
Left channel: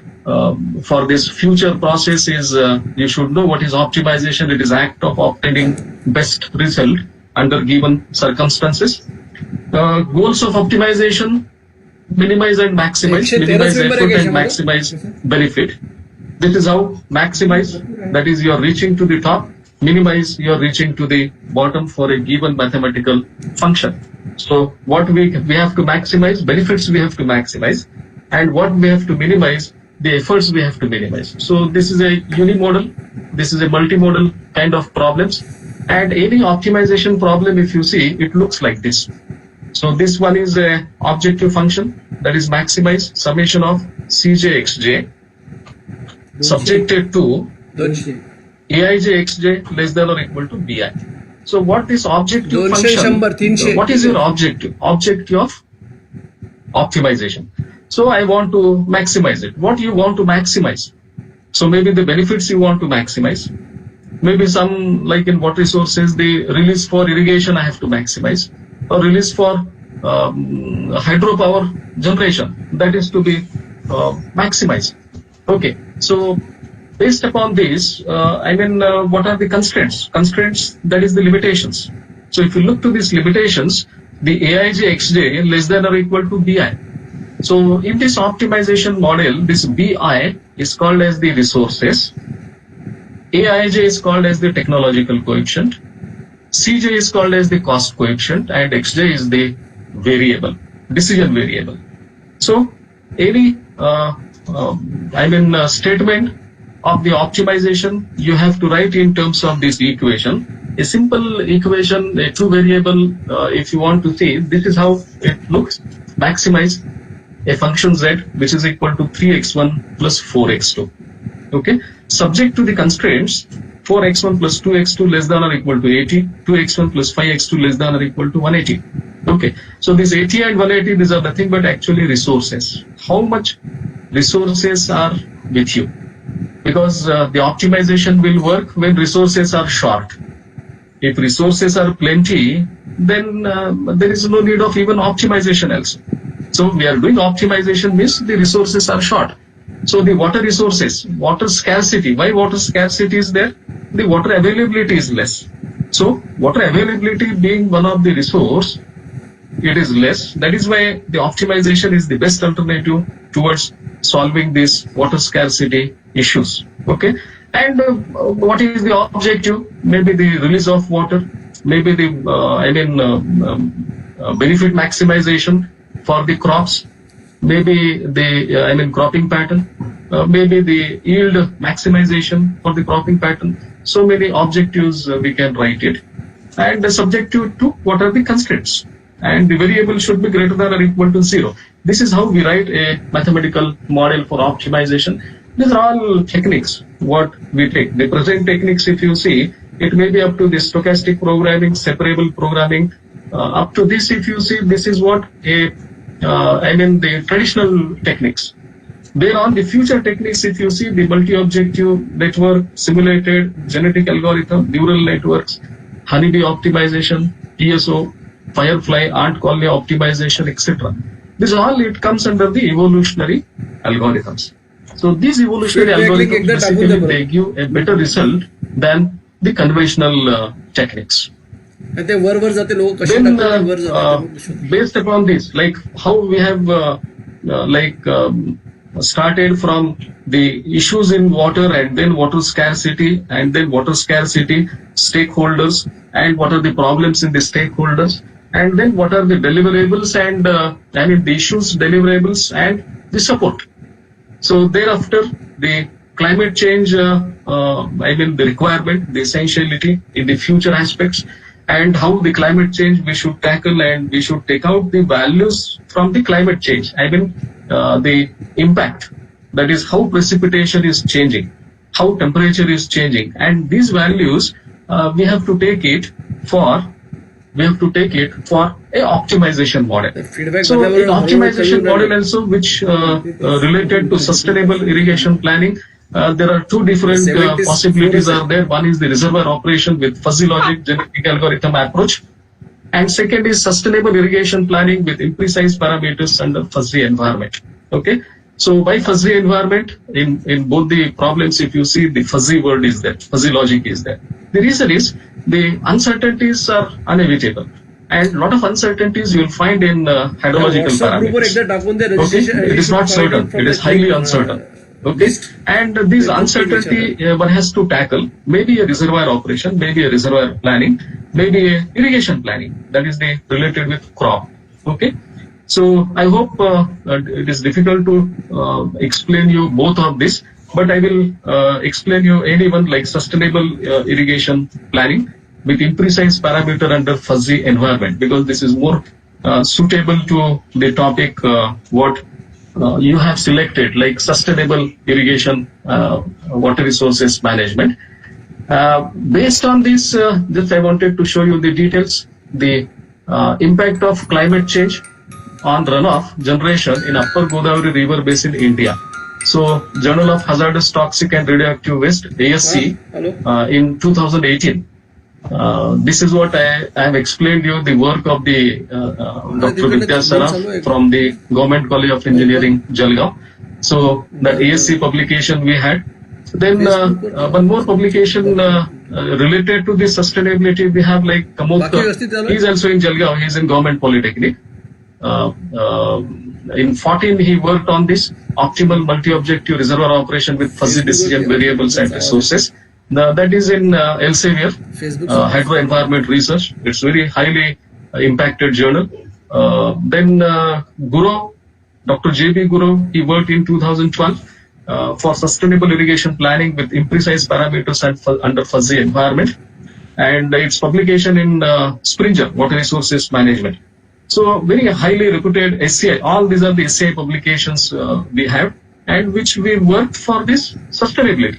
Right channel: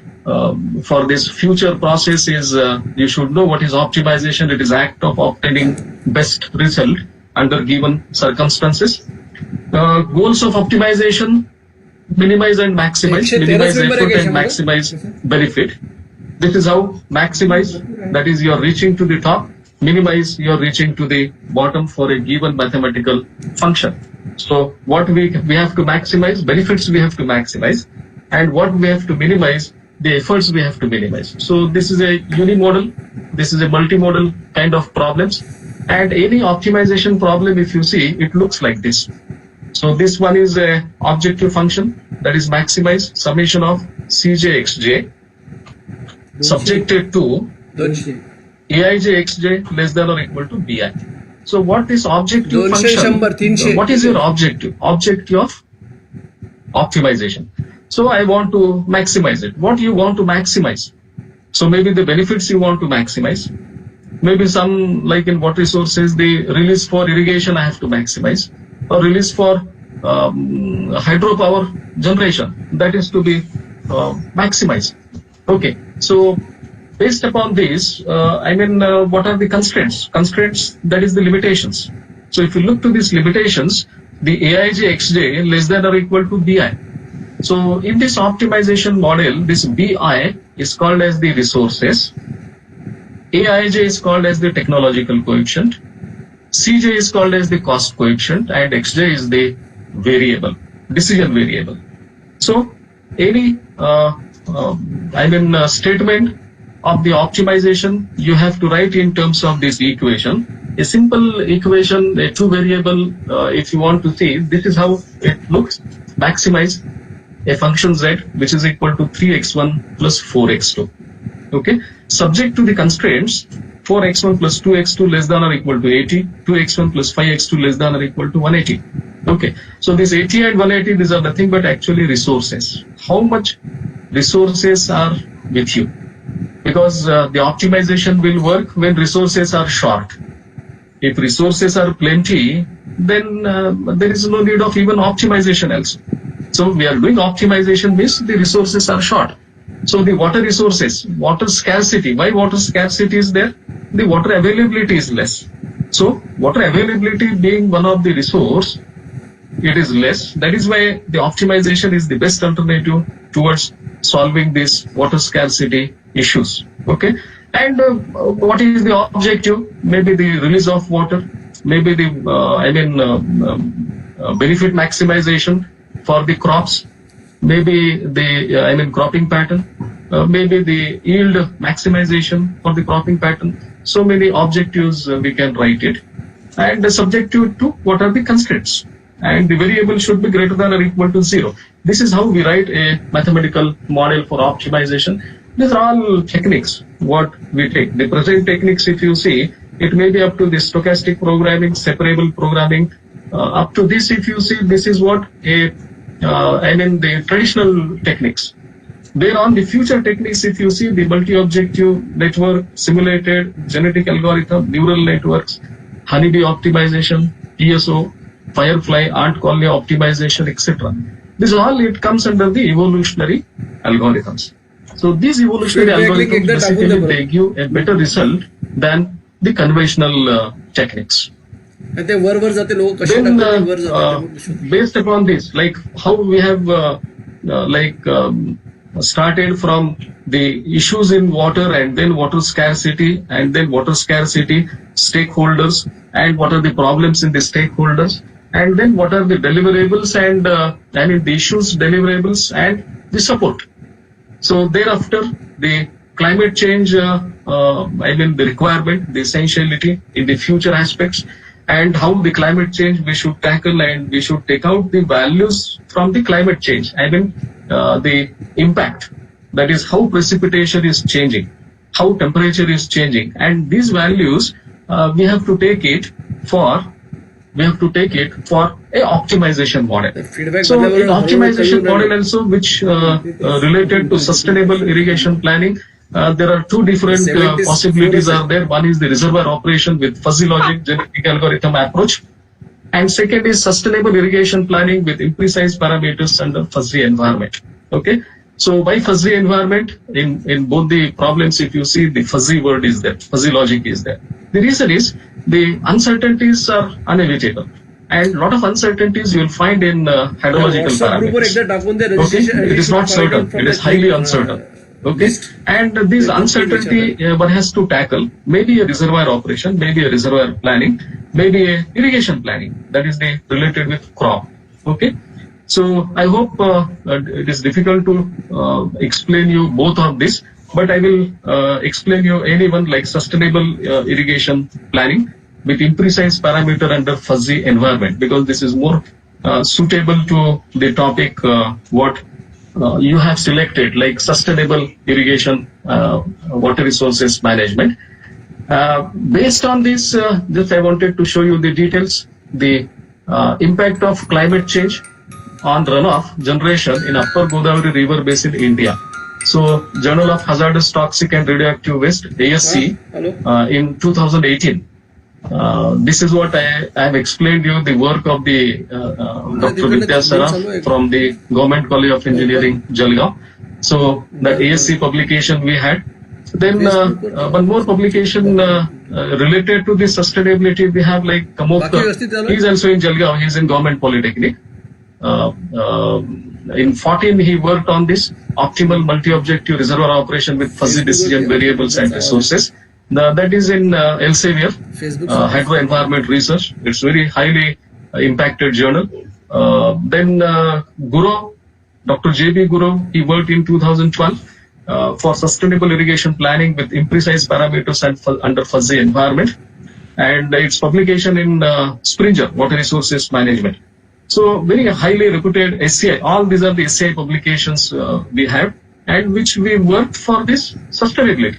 for this future process is you should know what is optimization. It is act of obtaining best result under given circumstances. Goals of optimization: minimize and maximize, minimize effort and maximize benefit. This is how maximize, that is you are reaching to the top, minimize you are reaching to the bottom for a given mathematical function. So what we have to maximize, benefits we have to maximize, and what we have to minimize, the efforts we have to minimize. So this is a unimodal, this is a multimodal kind of problems, and any optimization problem, if you see, it looks like this. So this one is a objective function, that is maximize summation of Cj xj subjected to Aij xj less than or equal to Bi. So what is objective function? What is your objective? Objective of optimization. So I want to maximize it. What you want to maximize? So maybe the benefits you want to maximize. Maybe some, like in water resources, the release for irrigation I have to maximize, or release for hydropower generation, that is to be maximized. Okay, so based upon this, what are the constraints? Constraints, that is the limitations. So if you look to these limitations, the Aij xj less than or equal to Bi. So in this optimization model, this Bi is called as the resources, Aij is called as the technological coefficient, Cj is called as the cost coefficient, and xj is the variable, decision variable. So any statement of the optimization you have to write in terms of this equation. A simple equation, a two variable, if you want to see, this is how it looks. Maximize a function z which is equal to 3x1 plus 4x2. Okay, subject to the constraints 4x1 plus 2x2 less than or equal to 80, 2x1 plus 5x2 less than or equal to 180. Okay, so this 80 and 180, these are nothing but actually resources. How much resources are with you? Because the optimization will work when resources are short. If resources are plenty, then there is no need of even optimization also. So we are doing optimization means the resources are short. So the water resources, water scarcity. Why water scarcity is there? The water availability is less. So water availability being one of the resource, it is less. That is why the optimization is the best alternative towards solving these water scarcity issues. Okay, and what is the objective? Maybe the release of water, maybe the benefit maximization for the crops, maybe the cropping pattern, maybe the yield maximization for the cropping pattern. So many objectives we can write it, and subjective to what are the constraints, and the variable should be greater than or equal to 0. This is how we write a mathematical model for optimization. These are all techniques what we take. The present techniques, if you see, it may be up to the stochastic programming, separable programming. Up to this, if you see, this is what the traditional techniques. Then on the future techniques, if you see the multi-objective network, simulated genetic algorithm, neural networks, honeybee optimization, PSO, firefly, ant colony optimization, etc. This all it comes under the evolutionary algorithms. So these evolutionary algorithms basically they give a better result than the conventional techniques. Then based upon this, like how we have started from the issues in water and then water scarcity stakeholders and what are the problems in the stakeholders and then what are the deliverables and the issues, deliverables and the support. So thereafter the climate change, the requirement, the essentiality in the future aspects and how the climate change we should tackle and we should take out the values from the climate change. The impact, that is how precipitation is changing, how temperature is changing, and these values we have to take it for a optimization model. So in optimization model also, which related to sustainable irrigation planning, there are two different possibilities are there. One is the reservoir operation with fuzzy logic genetic algorithm approach, and second is sustainable irrigation planning with imprecise parameters under fuzzy environment. Okay, so by fuzzy environment, in both the problems, if you see the fuzzy word is there, fuzzy logic is there. The reason is the uncertainties are inevitable, and a lot of uncertainties you will find in hydrological parameters. Okay? It is not certain; it is highly uncertain. Okay, and this uncertainty one has to tackle. Maybe a reservoir operation, maybe a reservoir planning, maybe a irrigation planning. That is the related with crop. Okay, so I hope it is difficult to explain you both of this, but I will explain you anyone like sustainable irrigation planning with imprecise parameter under fuzzy environment, because this is more suitable to the topic what you have selected, like sustainable irrigation water resources management. Based on this, just I wanted to show you the details, the impact of climate change on runoff generation in Upper Godavari River Basin, India. So, Journal of Hazardous Toxic and Radioactive Waste, ASC, in 2018. This is what I have explained you, the work of the Dr. Vidya Saraf from the Government College of Engineering, Jalgaon. So the ASC publication we had. Then one more publication related to the sustainability we have, like Kamokta. He is also in Jalgaon, he is in Government Polytechnic. In 14 he worked on this optimal multi-objective reservoir operation with fuzzy decision variables and resources. That is in Elsevier, Hydro Environment Research. It's very highly impacted journal. Then Guru, Dr. J.B. Guru, he worked in 2012 for sustainable irrigation planning with imprecise parameters and under fuzzy environment. And its publication in Springer, Water Resources Management. So very highly reputed SCI. All these are the SCI publications we have, and which we worked for this sustainability.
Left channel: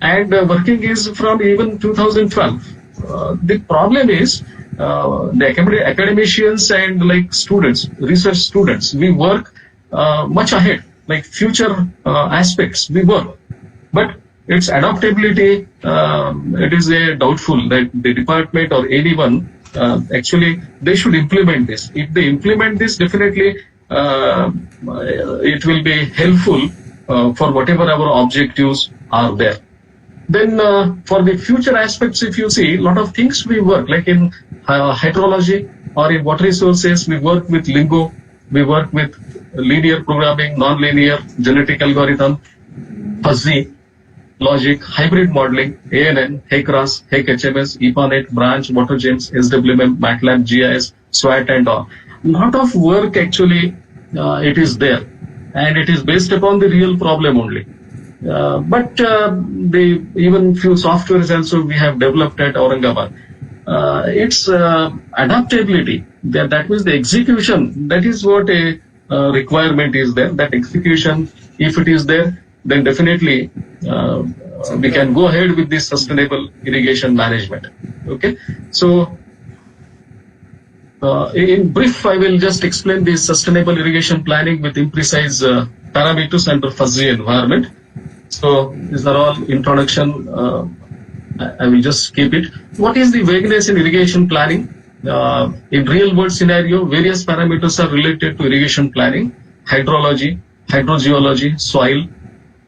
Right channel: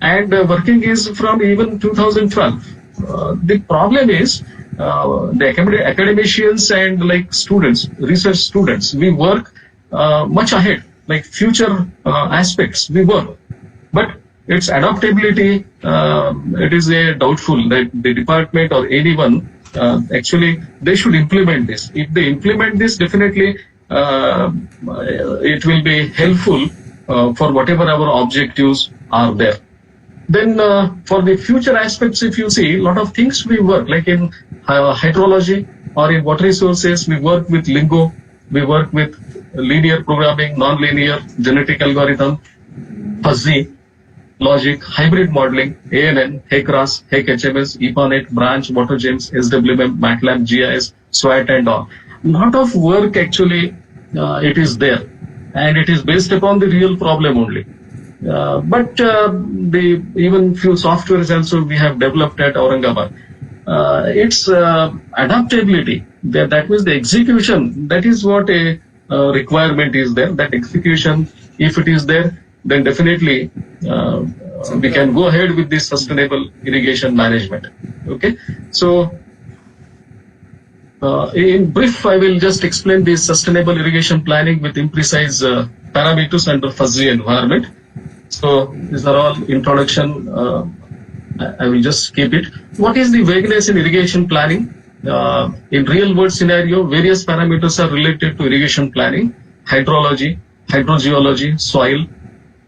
And working is from even 2012. The problem is the academicians and like students, research students, we work much ahead, like future aspects we work. But its adaptability, it is doubtful that the department or anyone, actually they should implement this. If they implement this, definitely it will be helpful for whatever our objectives are there. Then for the future aspects, if you see, a lot of things we work, like in hydrology or in water resources, we work with Lingo, we work with linear programming, non-linear, genetic algorithm, fuzzy, logic, hybrid modeling, ANN, HECRAS, HEC-HMS, EPANET, Branch, WaterGems, SWMM, MATLAB, GIS, SWAT and all. Lot of work actually it is there, and it is based upon the real problem only. But even few softwares also we have developed at Aurangabad. Its adaptability, that means the execution, that is what a requirement is there. That execution, if it is there, then definitely we can go ahead with this sustainable irrigation management. Okay, so In brief, I will just explain the sustainable irrigation planning with imprecise parameters under fuzzy environment. So these are all introduction. I will just skip it. What is the vagueness in irrigation planning? In real world scenario, various parameters are related to irrigation planning: hydrology, hydrogeology, soil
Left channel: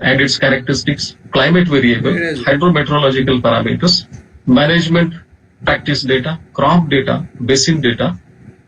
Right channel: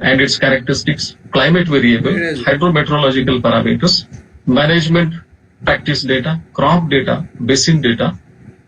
and its characteristics, climate variable, hydrometeorological parameters, management practice data, crop data, basin data.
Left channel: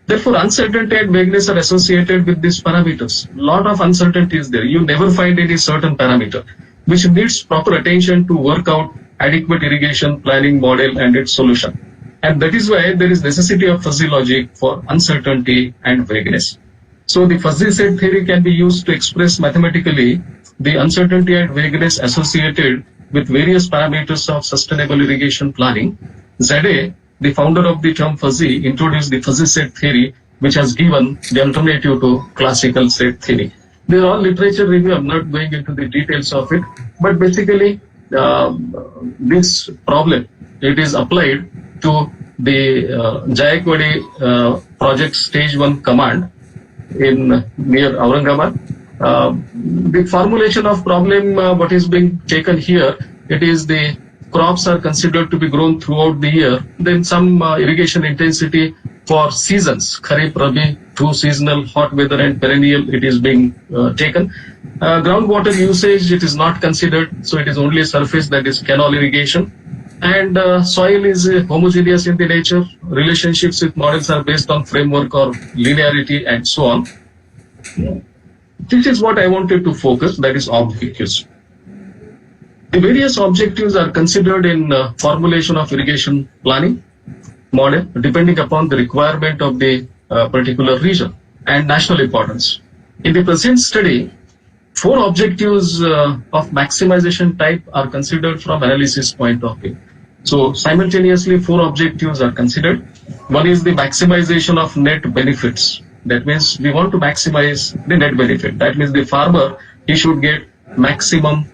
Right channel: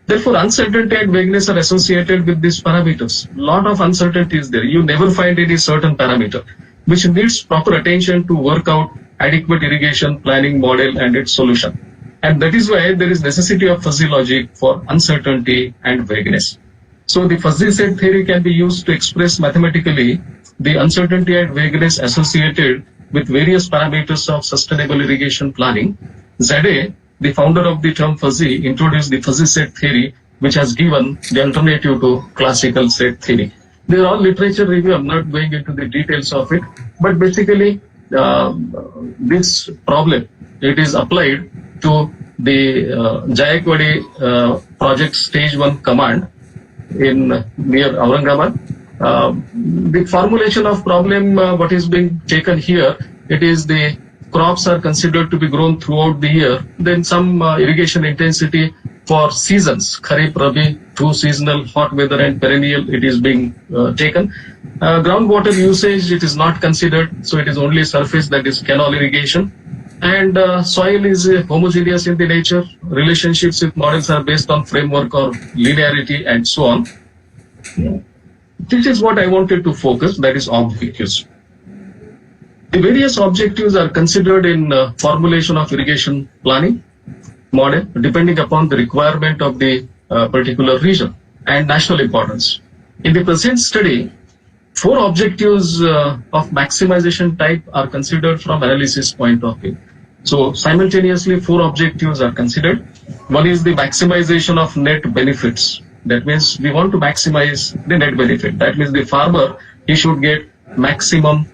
Therefore, uncertainty and vagueness are associated with these parameters. Lot of uncertainty is there. You never find any certain parameter, which needs proper attention to work out adequate irrigation planning model and its solution. And that is why there is necessity of fuzzy logic for uncertainty and vagueness. So the fuzzy set theory can be used to express mathematically the uncertainty and vagueness associated with various parameters of sustainable irrigation planning. Zade, the founder of the term fuzzy, introduced the fuzzy set theory, which has given the alternative to classical set theory. They are all literature review. I'm not going into the details of it, but basically this problem, it is applied to the Jayakwadi project stage 1 command in near Aurangabad. The formulation of problem, what is being taken here, it is the crops are considered to be grown throughout the year. Then some irrigation intensity for seasons, Kharif, Rabi, two seasonal, hot weather and perennial, it is being taken. Groundwater usage, it is not considered, so it is only surface, that is canal irrigation. And soil is homogeneous in the nature. Relationships with models are based on framework or linearity and so on. This is what I wanted to focus, that is objectives. The various objectives are considered in formulation of irrigation planning model depending upon the requirement of the particular region and national importance. In the present study, 4 objectives of maximization type are considered from analysis point of view. So simultaneously 4 objectives are considered. One is the maximization of net benefits. That means we want to maximize the net benefit. That means the farmer, he should get maximum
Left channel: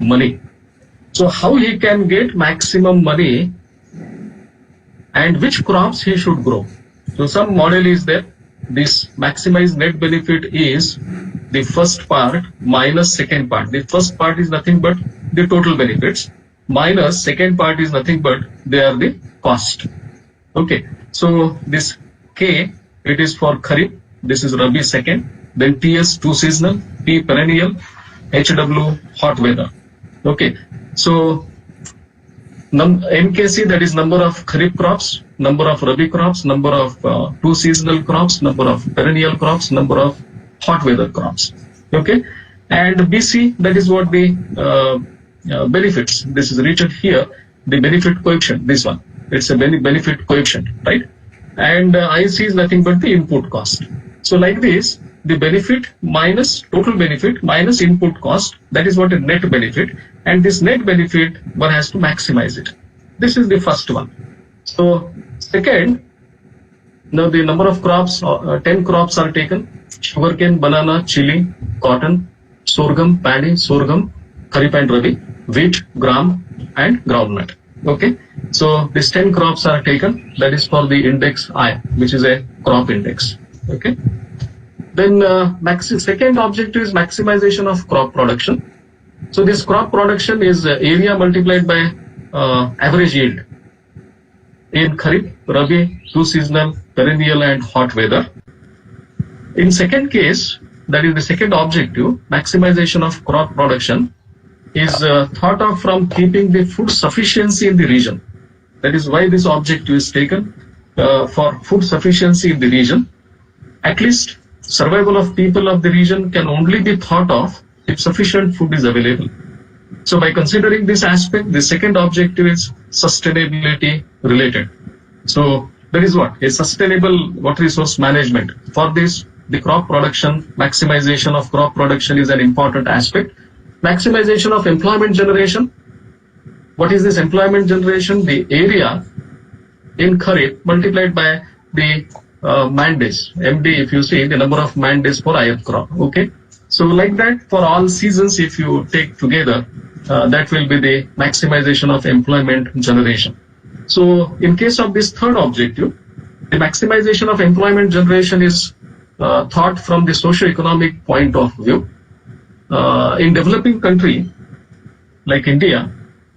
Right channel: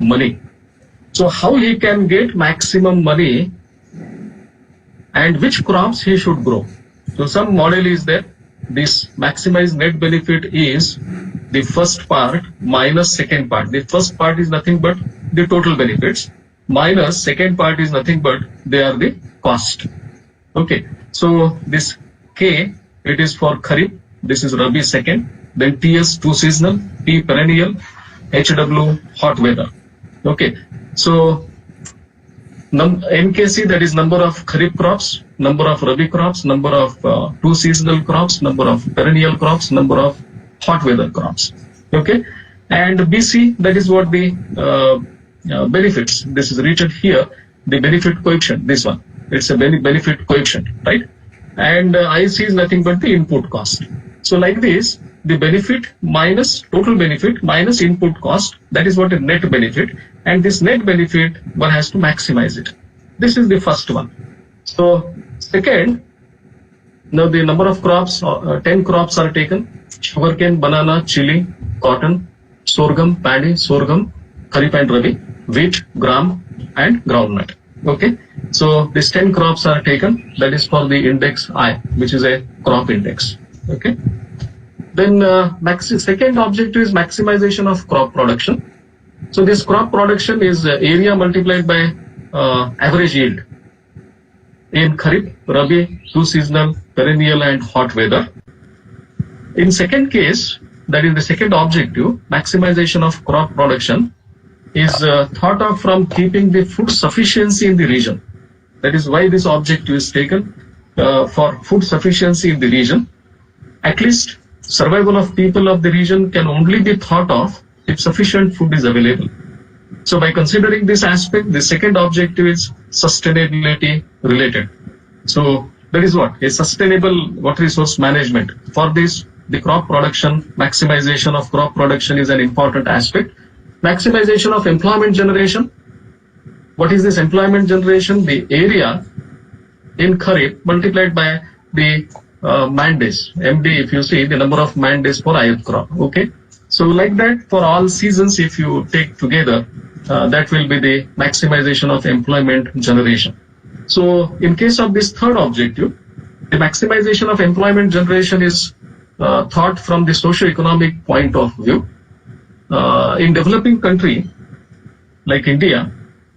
money. So how he can get maximum money and which crops he should grow. So some model is there. This maximized net benefit is the first part minus second part. The first part is nothing but the total benefits minus second part is nothing but they are the cost. Okay. So this K, it is for Kharif. This is Rabi second. Then TS 2 seasonal, P perennial, HW hot weather. Okay. So NKC, that is number of Kharif crops, number of Rabi crops, number of 2 seasonal crops, number of perennial crops, number of hot weather crops. Okay. And BC, that is what the benefits. This is written here, the benefit coefficient, this one. It's a benefit coefficient, right? And IC is nothing but the input cost. So like this, the benefit minus total benefit minus input cost, that is what a net benefit. And this net benefit, one has to maximize it. This is the first one. So second, now the number of crops, 10 crops are taken. Sugarcane, banana, chili, cotton, sorghum, paddy, sorghum, Kharif and Rabi, wheat, gram and groundnut. Okay. So these 10 crops are taken. That is for the index I, which is a crop index. Okay. Then second objective is maximization of crop production. So this crop production is area multiplied by average yield in Kharif, Rabi, 2 seasonal, perennial and hot weather. In second case, that is the second objective, maximization of crop production is thought of from keeping the food sufficiency in the region. That is why this objective is taken for food sufficiency in the region. At least survival of people of the region can only be thought of if sufficient food is available. So by considering this aspect, the second objective is sustainability related. So that is what? A sustainable water resource management. For this, the crop production, maximization of crop production is an important aspect. Maximization of employment generation. What is this employment generation? The area in Kharif multiplied by the man days. MD, if you see the number of man days for Ayat crop. Okay. So like that for all seasons, if you take together, that will be the maximization of employment generation. So in case of this third objective, The maximization of employment generation is thought from the socio-economic point of view. In developing country like India,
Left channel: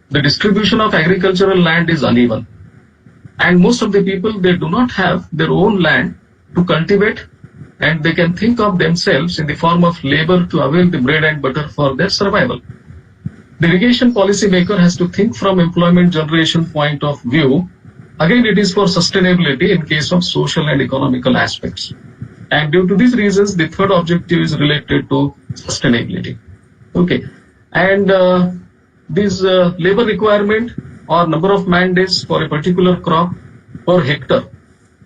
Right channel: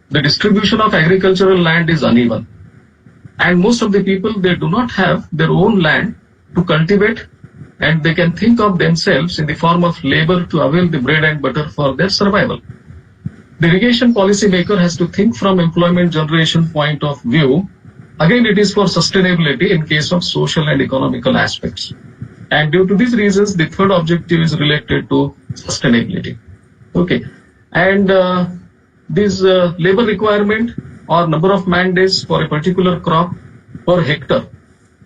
the distribution of agricultural land is uneven. And most of the people, they do not have their own land to cultivate, and they can think of themselves in the form of labor to avail the bread and butter for their survival. The irrigation policy maker has to think from employment generation point of view. Again, it is for sustainability in case of social and economical aspects. And due to these reasons, the third objective is related to sustainability. Okay. And this labor requirement or number of man days for a particular crop per hectare,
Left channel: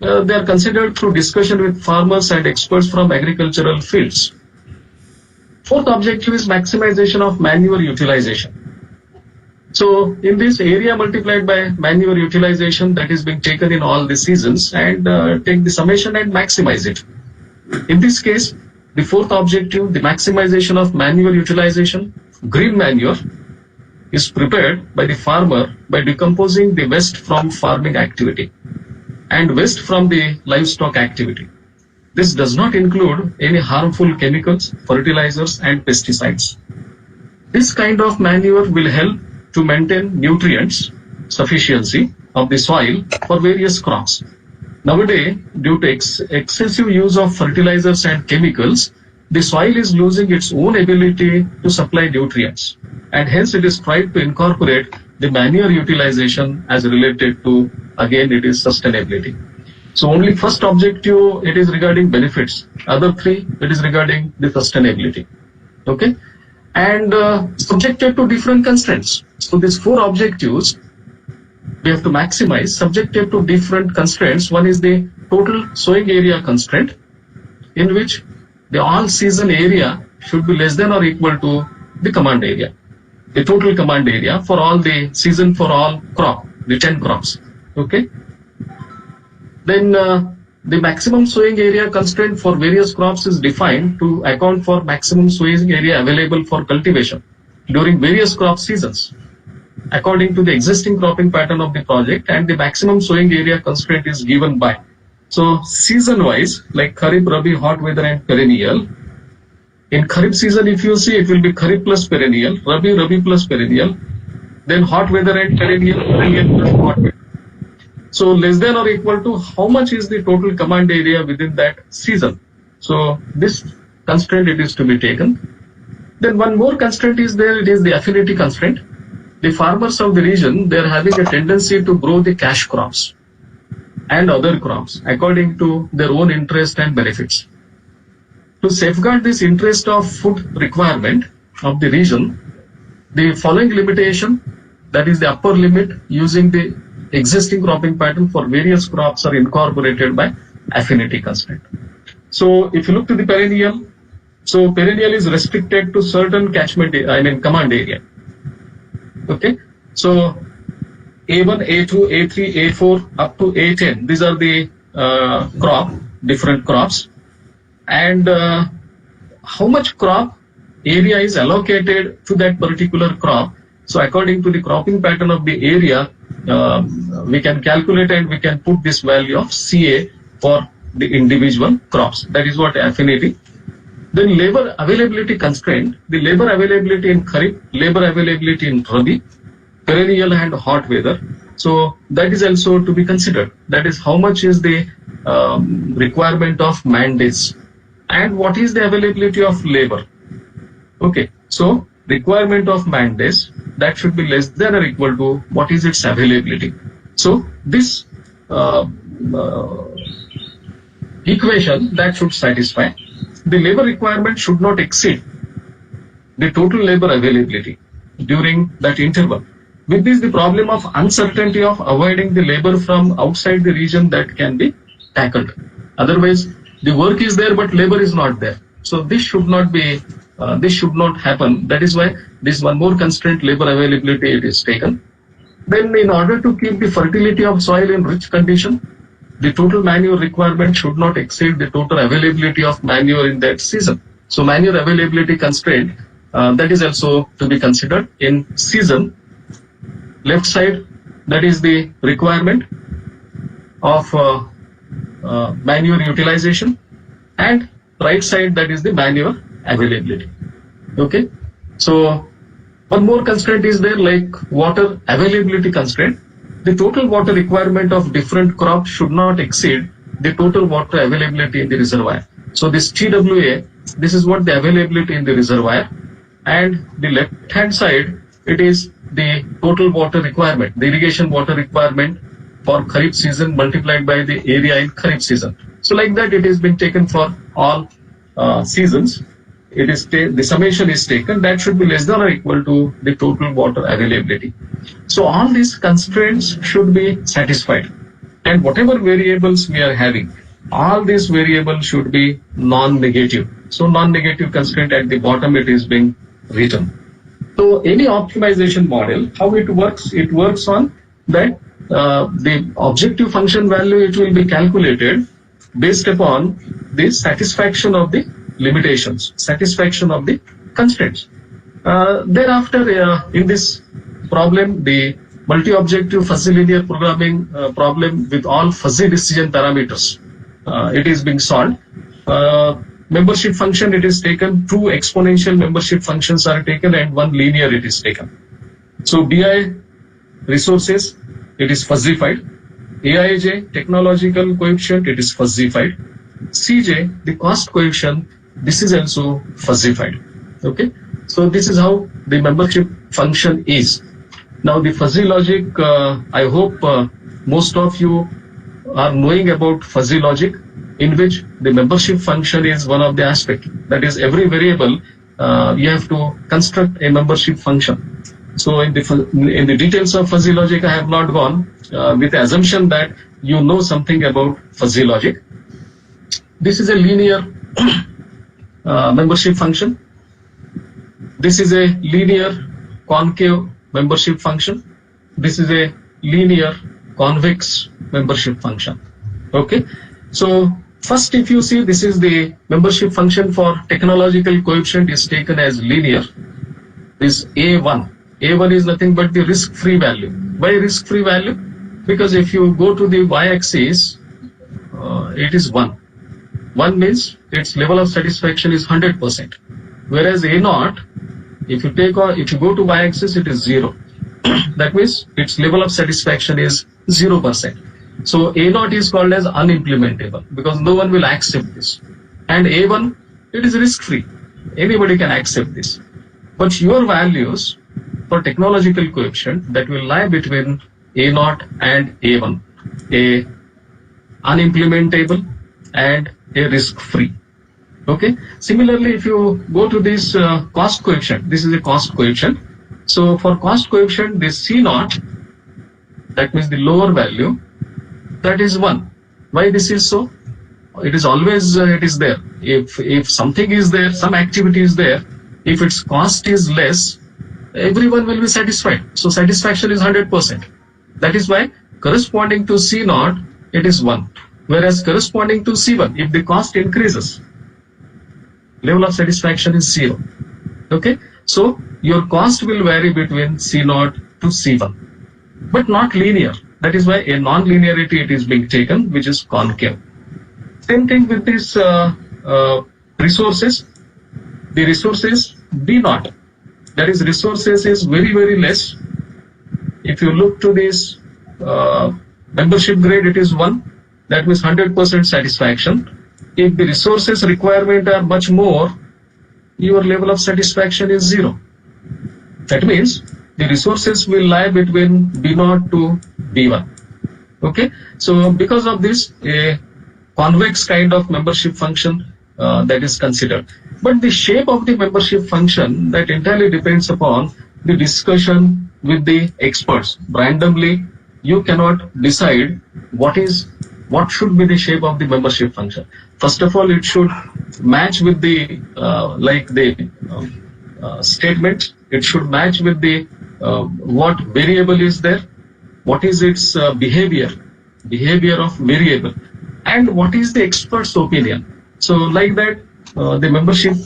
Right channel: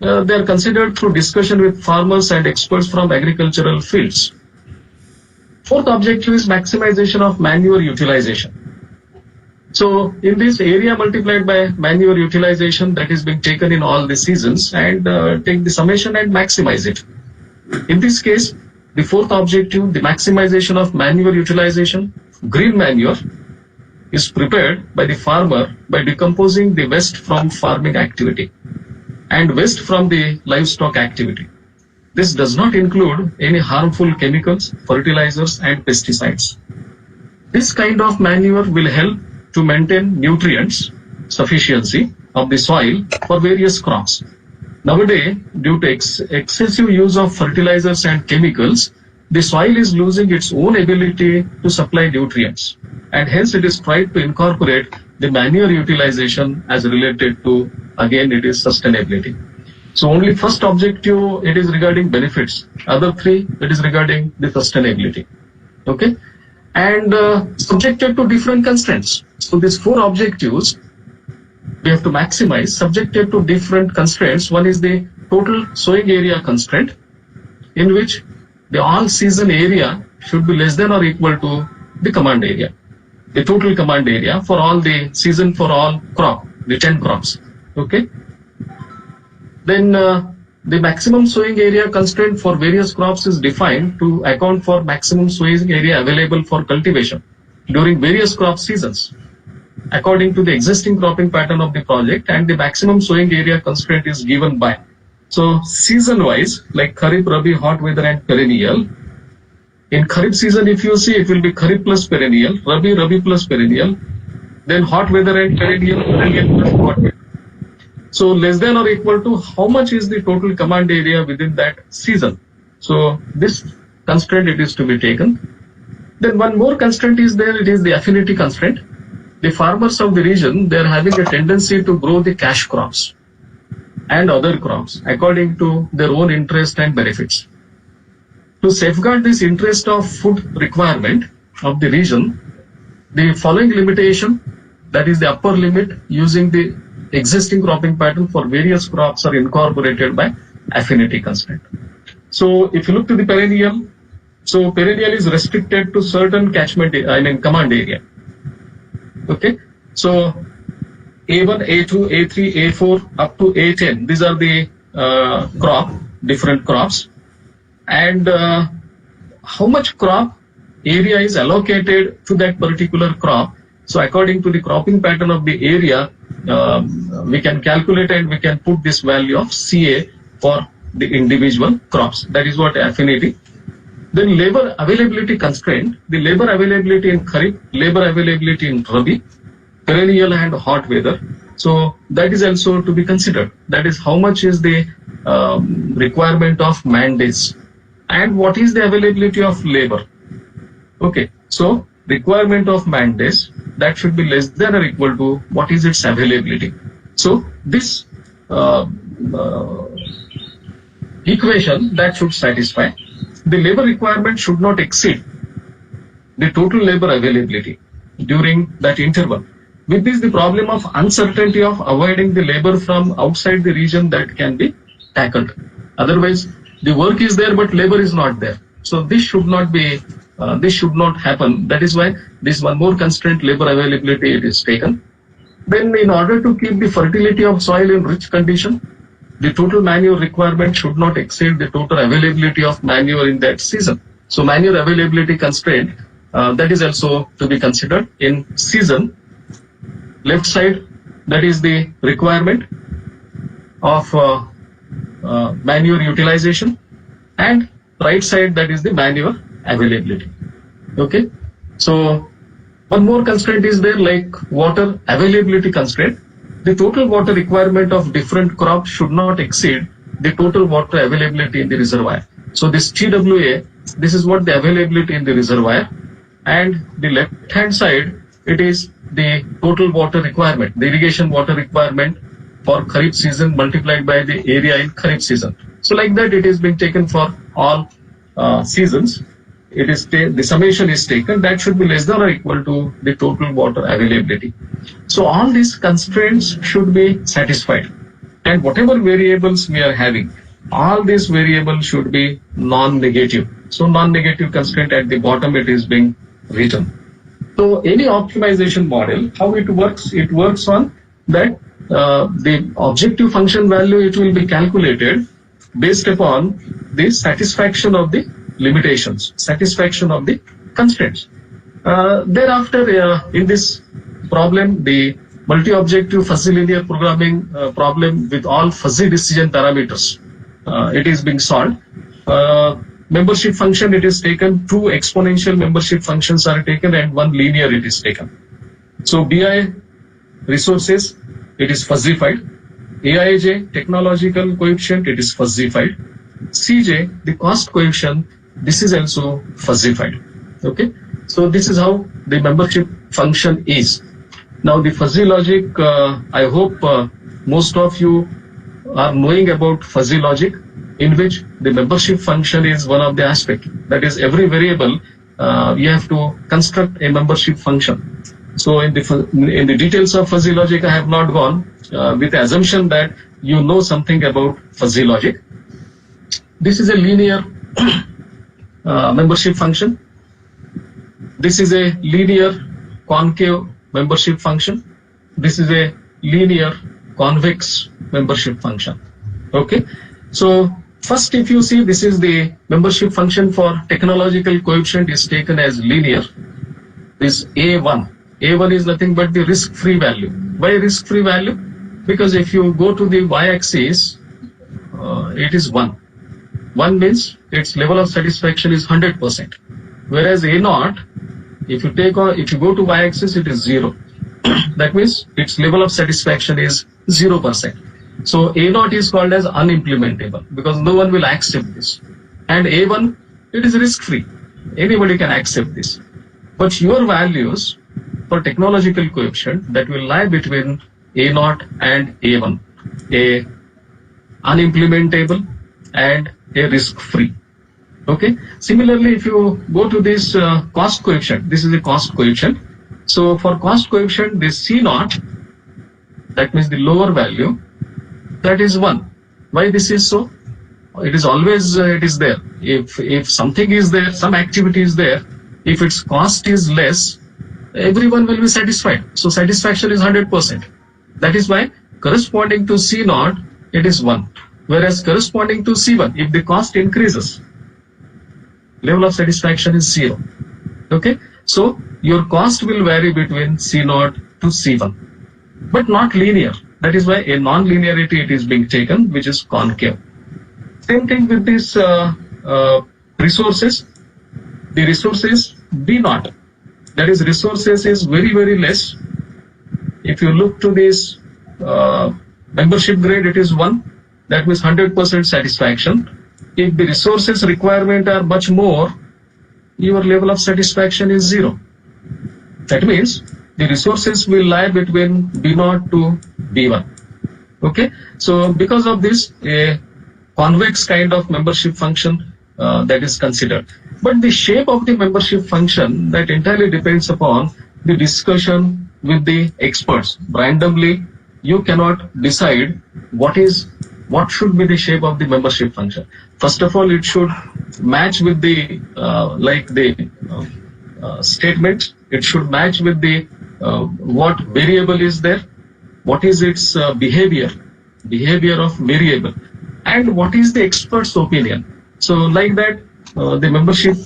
they are considered through discussion with farmers and experts from agricultural fields. Fourth objective is maximization of manure utilization. So in this, area multiplied by manure utilization that is being taken in all the seasons, and take the summation and maximize it. In this case, the fourth objective, the maximization of manure utilization, green manure is prepared by the farmer by decomposing the waste from farming activity and waste from the livestock activity. This does not include any harmful chemicals, fertilizers and pesticides. This kind of manure will help to maintain nutrients sufficiency of the soil for various crops. Nowadays, due to excessive use of fertilizers and chemicals, the soil is losing its own ability to supply nutrients, and hence it is tried to incorporate the manure utilization as related to, again, it is sustainability. So only first objective, it is regarding benefits. Other three, it is regarding the sustainability. Okay. And subjected to different constraints. So these four objectives, we have to maximize subjected to different constraints. One is the total sowing area constraint, in which the all season area should be less than or equal to the command area. The total command area for all the season for all crop, the 10 crops. Okay. Then the maximum sowing area constraint for various crops is defined to account for maximum sowing area available for cultivation during various crop seasons according to the existing cropping pattern of the project, and the maximum sowing area constraint is given by. So season wise, like Kharif, Rabi, hot weather and perennial. In Kharif season, if you see, it will be Kharif plus perennial, Rabi plus perennial, then hot weather and perennial plus hot weather. So less than or equal to how much is the total command area within that season. So this constraint, it is to be taken. Then one more constraint is there, it is the affinity constraint. The farmers of the region, they are having a tendency to grow the cash crops and other crops according to their own interest and benefits. To safeguard this interest of food requirement of the region, the following limitation, that is the upper limit using the existing cropping pattern for various crops, are incorporated by affinity constraint. So if you look to the perennial, so perennial is restricted to certain command area. Okay, so A1, A2, A3, A4 up to A10, these are the different crops, and how much crop area is allocated to that particular crop. So according to the cropping pattern of the area, we can calculate and we can put this value of CA for the individual crops. That is what affinity. Then labor availability constraint, the labor availability in Kharif, labor availability in Rabi, perennial and hot weather. So that is also to be considered. That is how much is the requirement of man days and what is the availability of labor. Okay, so requirement of man days, that should be less than or equal to what is its availability. So this equation that should satisfy. The labor requirement should not exceed the total labor availability during that interval. With this, the problem of uncertainty of avoiding the labor from outside the region, that can be tackled. Otherwise, the work is there but labor is not there. So this should not be, this should not happen. That is why this one more constraint, labor availability, it is taken. Then in order to keep the fertility of soil in rich condition, the total manure requirement should not exceed the total availability of manure in that season. So manure availability constraint, that is also to be considered in season. Left side, that is the requirement of manure utilization, and right side, that is the manure availability. Okay, so one more constraint is there, like water availability constraint. The total water requirement of different crops should not exceed the total water availability in the reservoir. So this TWA, this is what the availability in the reservoir, and the left hand side, it is the total water requirement, the irrigation water requirement for Kharif season multiplied by the area in Kharif season. So like that, it is being taken for all seasons. It is the summation is taken, that should be less than or equal to the total water availability. So all these constraints should be satisfied, and whatever variables we are having, all these variables should be non-negative. So non-negative constraint at the bottom, it is being written. So any optimization model, how it works? It works on that the objective function value, it will be calculated based upon the satisfaction of the limitations, satisfaction of the constraints. Thereafter, in this problem, the multi-objective fuzzy linear programming problem with all fuzzy decision parameters, it is being solved. Membership function, it is taken, 2 exponential membership functions are taken and 1 linear it is taken. So BI resources, it is fuzzified. AIJ technological coefficient, it is fuzzified. CJ, the cost coefficient, this is also fuzzified. Okay, so this is how the membership function is. Now the fuzzy logic, I hope most of you are knowing about fuzzy logic, in which the membership function is one of the aspects. That is, every variable you have to construct a membership function. So in the details of fuzzy logic, I have not gone with the assumption that you know something about fuzzy logic. This is a linear membership function. This is a linear concave membership function. This is a linear convex membership function. Okay, so first, if you see, this is the membership function for technological coefficient is taken as linear. This A1. A1 is nothing but the risk-free value. Why risk-free value? Because if you go to the y-axis, it is 1. 1 means its level of satisfaction is 100%. Whereas A0, if you go to y-axis, it is 0. That means its level of satisfaction is 0%. So A0 is called as unimplementable because no one will accept this. And A1, it is risk-free. Anybody can accept this. But your values for technological coefficient, that will lie between A0 and A1, a unimplementable and a risk-free. Okay. Similarly, if you go to this cost coefficient, this is a cost coefficient. So for cost coefficient, this C0, that means the lower value, that is 1. Why this is so? It is always it is there. If something is there, some activity is there, if its cost is less, everyone will be satisfied. So satisfaction is 100%. That is why corresponding to C0, it is 1. Whereas corresponding to C1, if the cost increases, level of satisfaction is 0. Okay. So your cost will vary between C0 to C1, but not linear. That is why a non-linearity it is being taken, which is concave. Same thing with this resources. The resources B0, that is resources is very, very less. If you look to this membership grade, it is 1. That means 100% satisfaction. If the resources requirement are much more, your level of satisfaction is 0. That means the resources will lie between B0 to B1. Okay. So because of this, a convex kind of membership function that is considered. But the shape of the membership function, that entirely depends upon the discussion with the experts. Randomly, you cannot decide what should be the shape of the membership function. First of all, it should match with the statement. It should match with the what variable is there, what is its behavior of variable, and what is the expert's opinion. So like that, the membership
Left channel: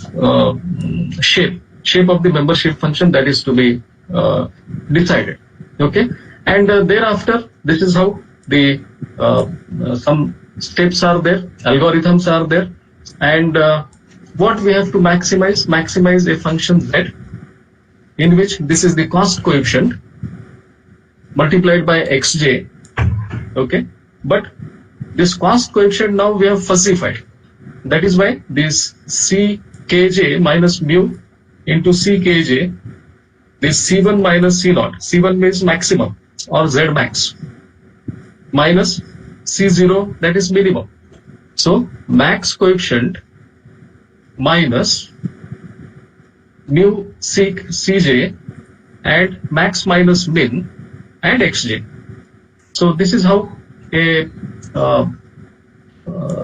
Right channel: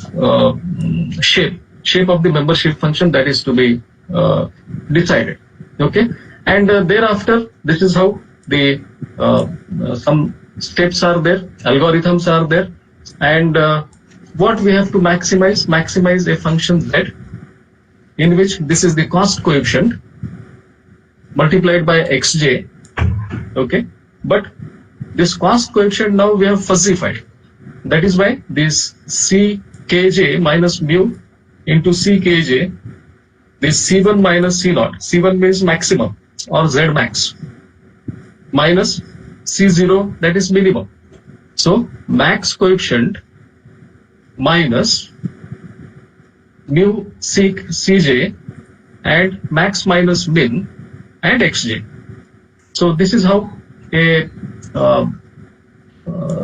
shape of the membership function, that is to be decided. Okay, and thereafter, this is how the some steps are there, algorithms are there, and what we have to maximize a function z, in which this is the cost coefficient multiplied by xj. Okay, but this cost coefficient now we have fuzzified. That is why this ckj minus mu into ckj, this c1 minus c0, c1 means maximum or z max, minus c0, that is minimum. So max coefficient minus mu cj and max minus min and xj. So this is how a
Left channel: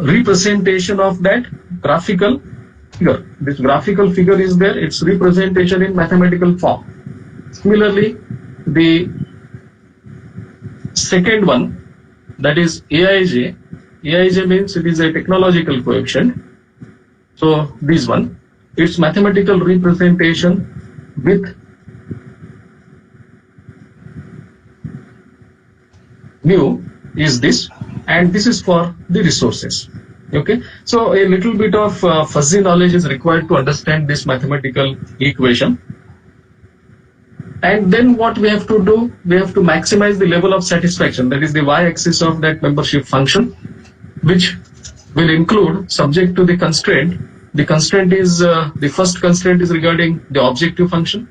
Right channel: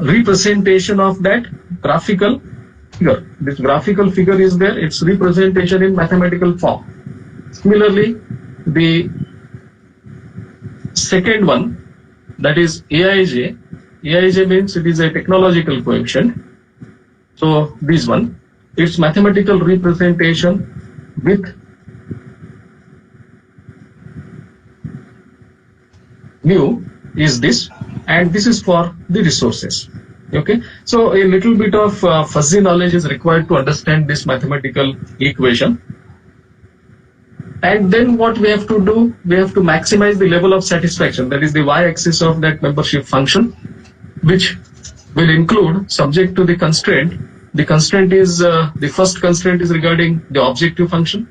representation of that graphical figure. This graphical figure is there, its representation in mathematical form. Similarly, the second one, that is aij. aij means it is a technological coefficient. So this one, its mathematical representation with mu is this, and this is for the resources. Okay, so a little bit of fuzzy knowledge is required to understand this mathematical equation. And then what we have to do, we have to maximize the level of satisfaction, that is the y-axis of that membership function, which will include, subject to the constraint. The constraint is, the first constraint is regarding the objective function.